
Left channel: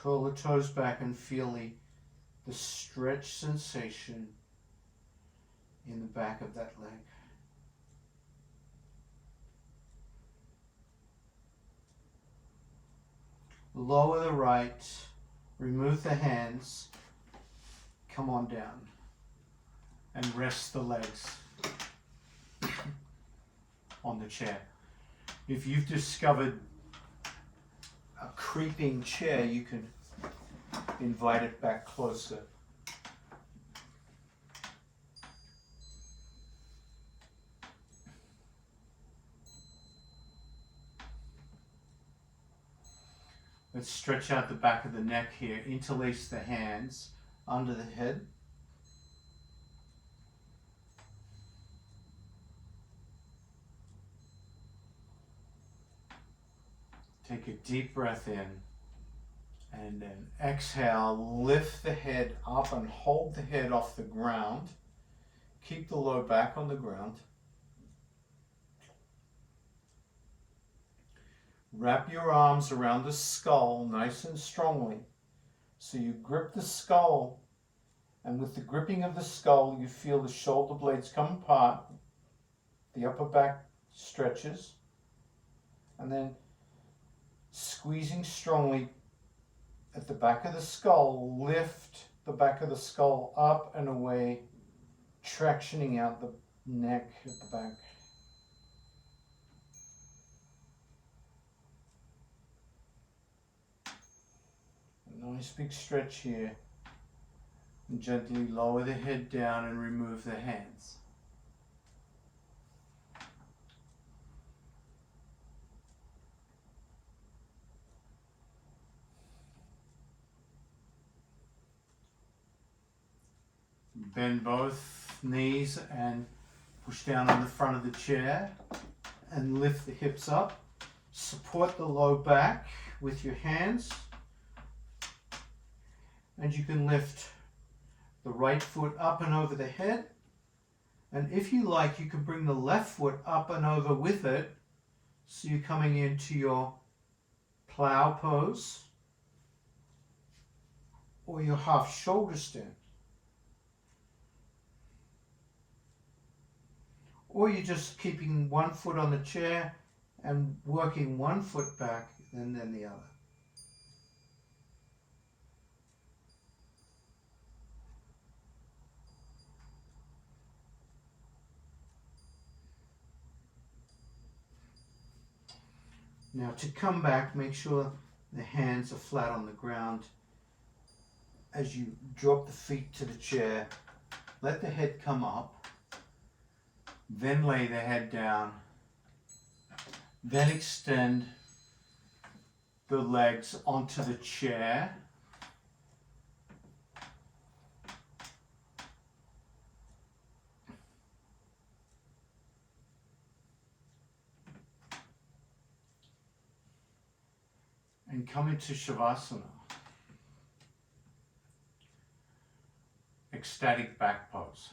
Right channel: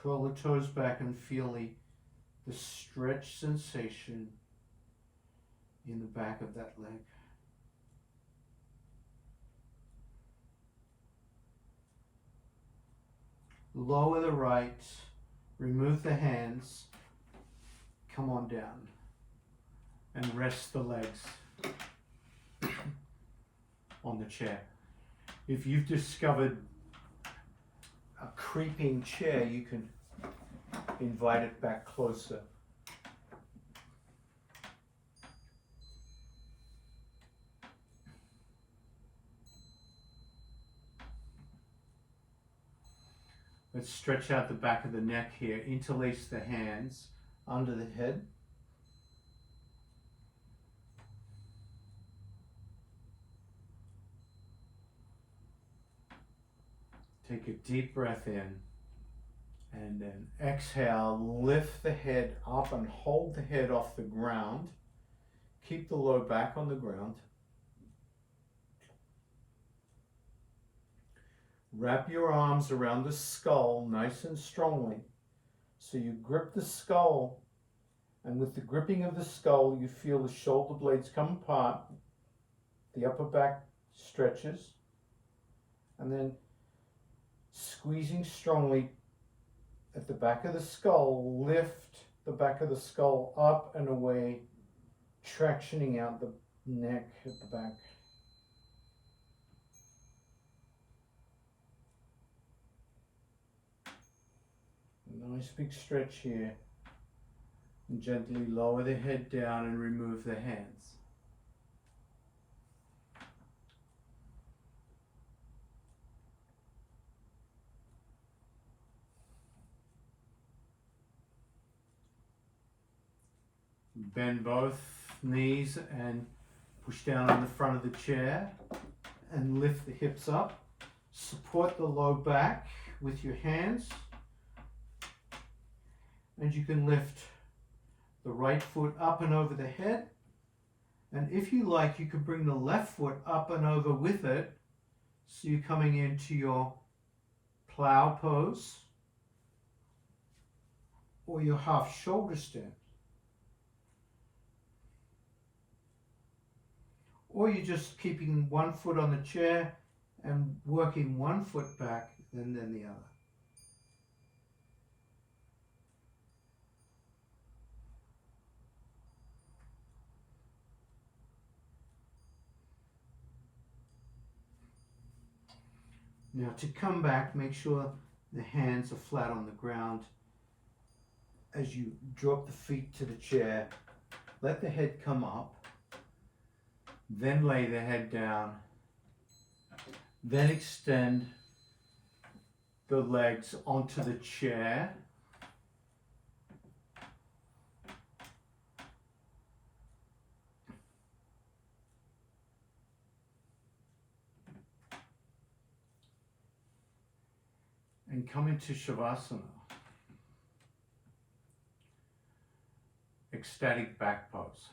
Curl the toes back and feel the stretch sensation in the back of that leg. Lower the right, remove the hands, come on down and rest the legs on the chair. If you've discovered a creeping chair, you can invite it back closer. Let's stretch out the back of the neck here, interlace the hands under the head. Take a deep breath in, and then exhale, lift the head up and hold the head off the ground. Keep the low back on the ground. Wrap your arms around the skull nice and strongly. So you grip the skull, and with the gripping of the skull, you feel the shoulder blades come apart, the upper back stretches, and then squeezing strongly at the back of the skull, lift the back of the skull up and away, tractioning out the neck at the back. A nice big stretch here. And gently lower the head down and remove the hands. Bend both knees and push down on the front of the chair and lift the hips up. Support the low back with your hands, and you can lift the right foot up and over the head, and if you like, you can bring the left foot up and over with it, so you're coming into your plow pose or your half shoulder stand. Or you're just keeping one foot on the chair and working one foot back and then the other. Now to come back, make sure the hands are flat on the ground. As you drop the feet to the chair, let the head come up, then lay the head down, then extend the legs onto the chair. And come into Shavasana, ecstatic back pose.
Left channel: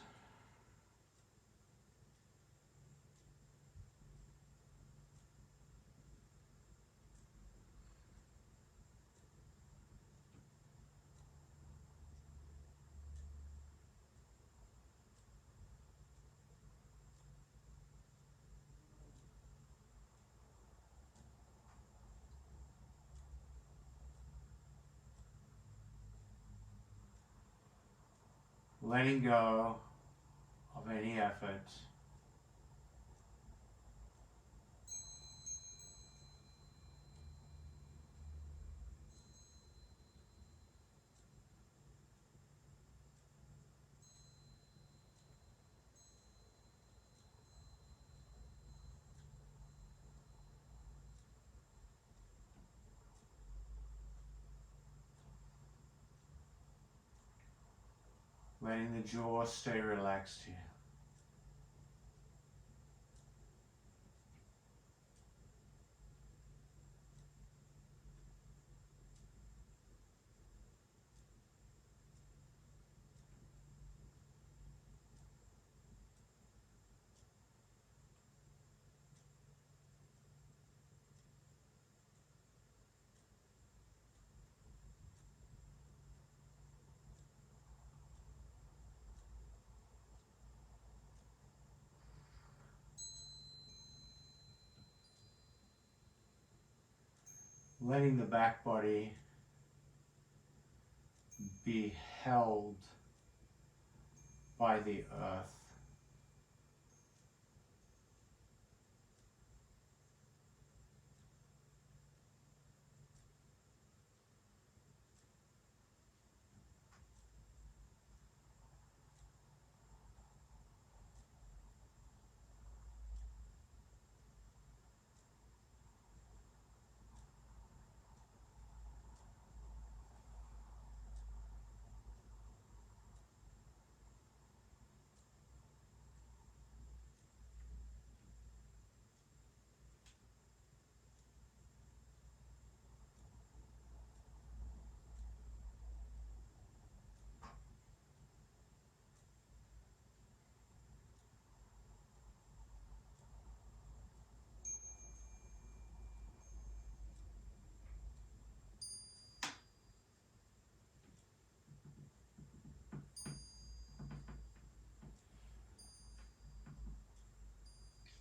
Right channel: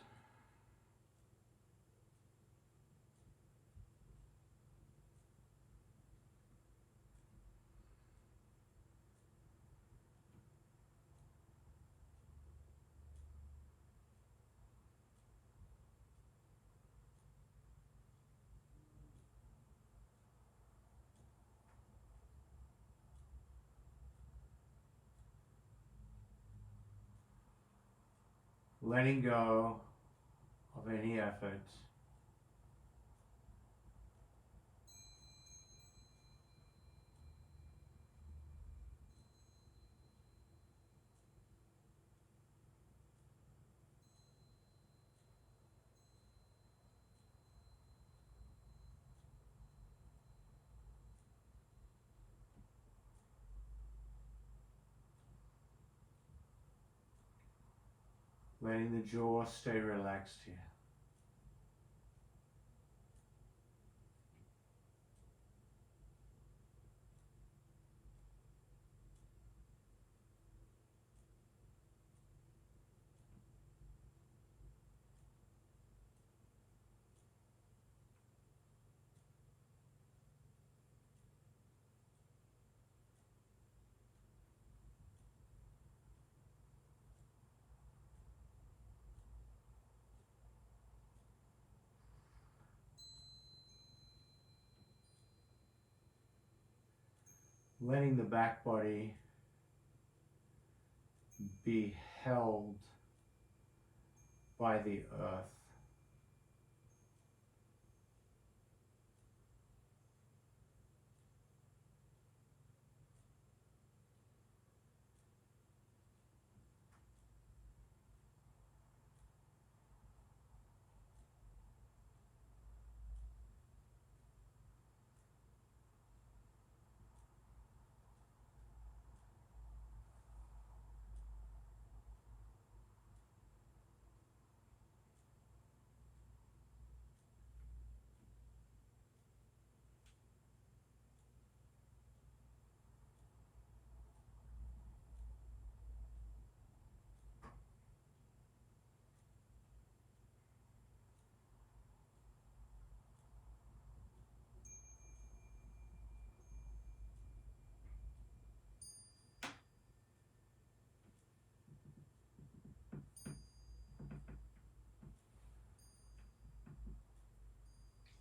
Letting go of any effort. Letting the jaw stay relaxed here. Letting the back body be held by the earth.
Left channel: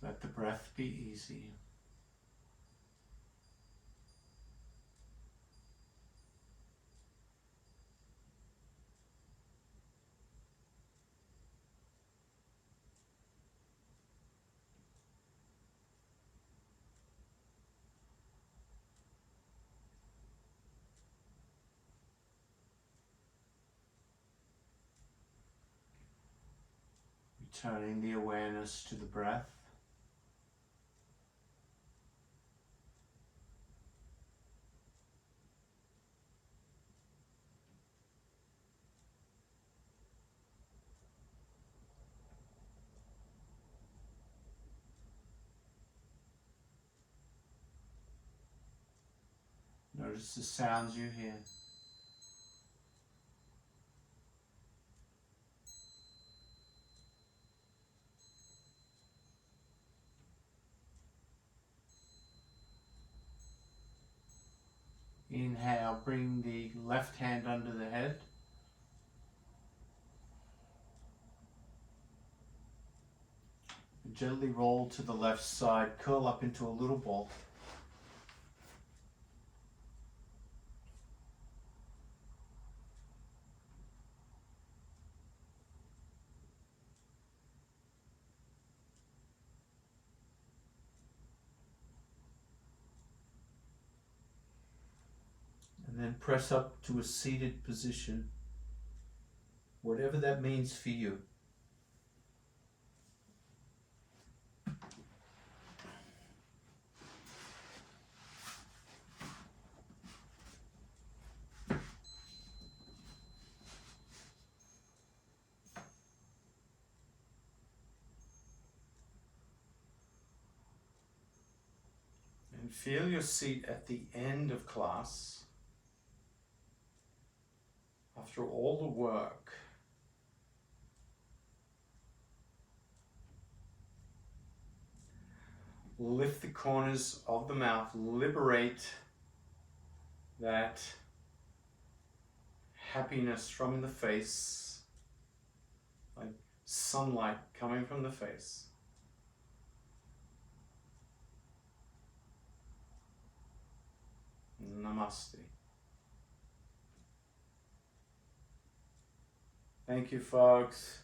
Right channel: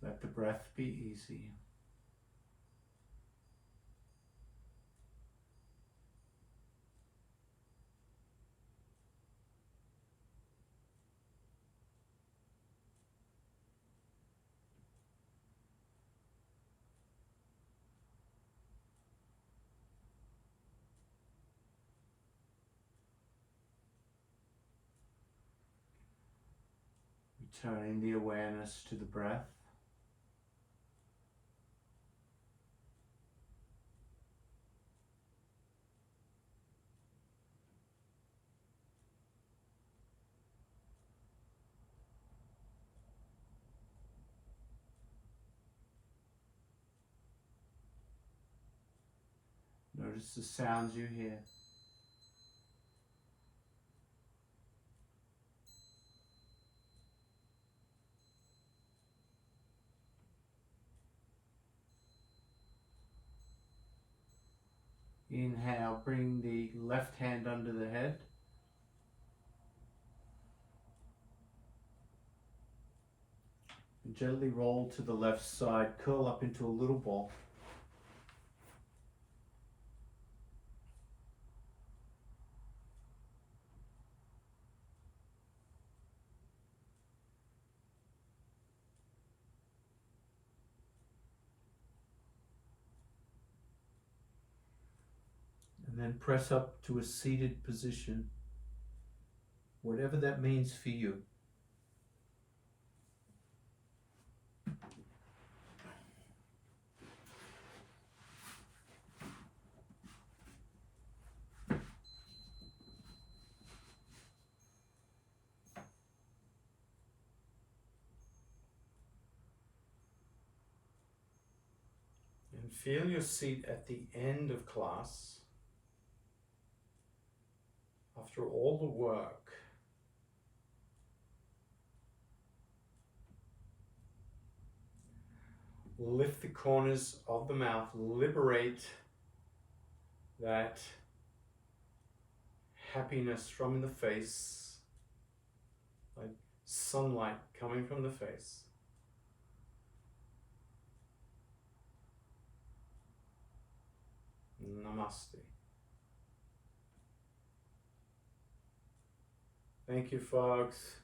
Let the breath be easy. Returning the awareness to the breath. Notice the sounds you hear. Inhale, bring the left hand under the head. And gently roll to the left side, curl up into a little ball. And then press up to a seated position, whatever that means for you. And feel your seat at the end of class. After all the work, lift the corners of the mouth, liberate that happiness from the face, like sunlight coming from the face. Namaste. Thank you, folks.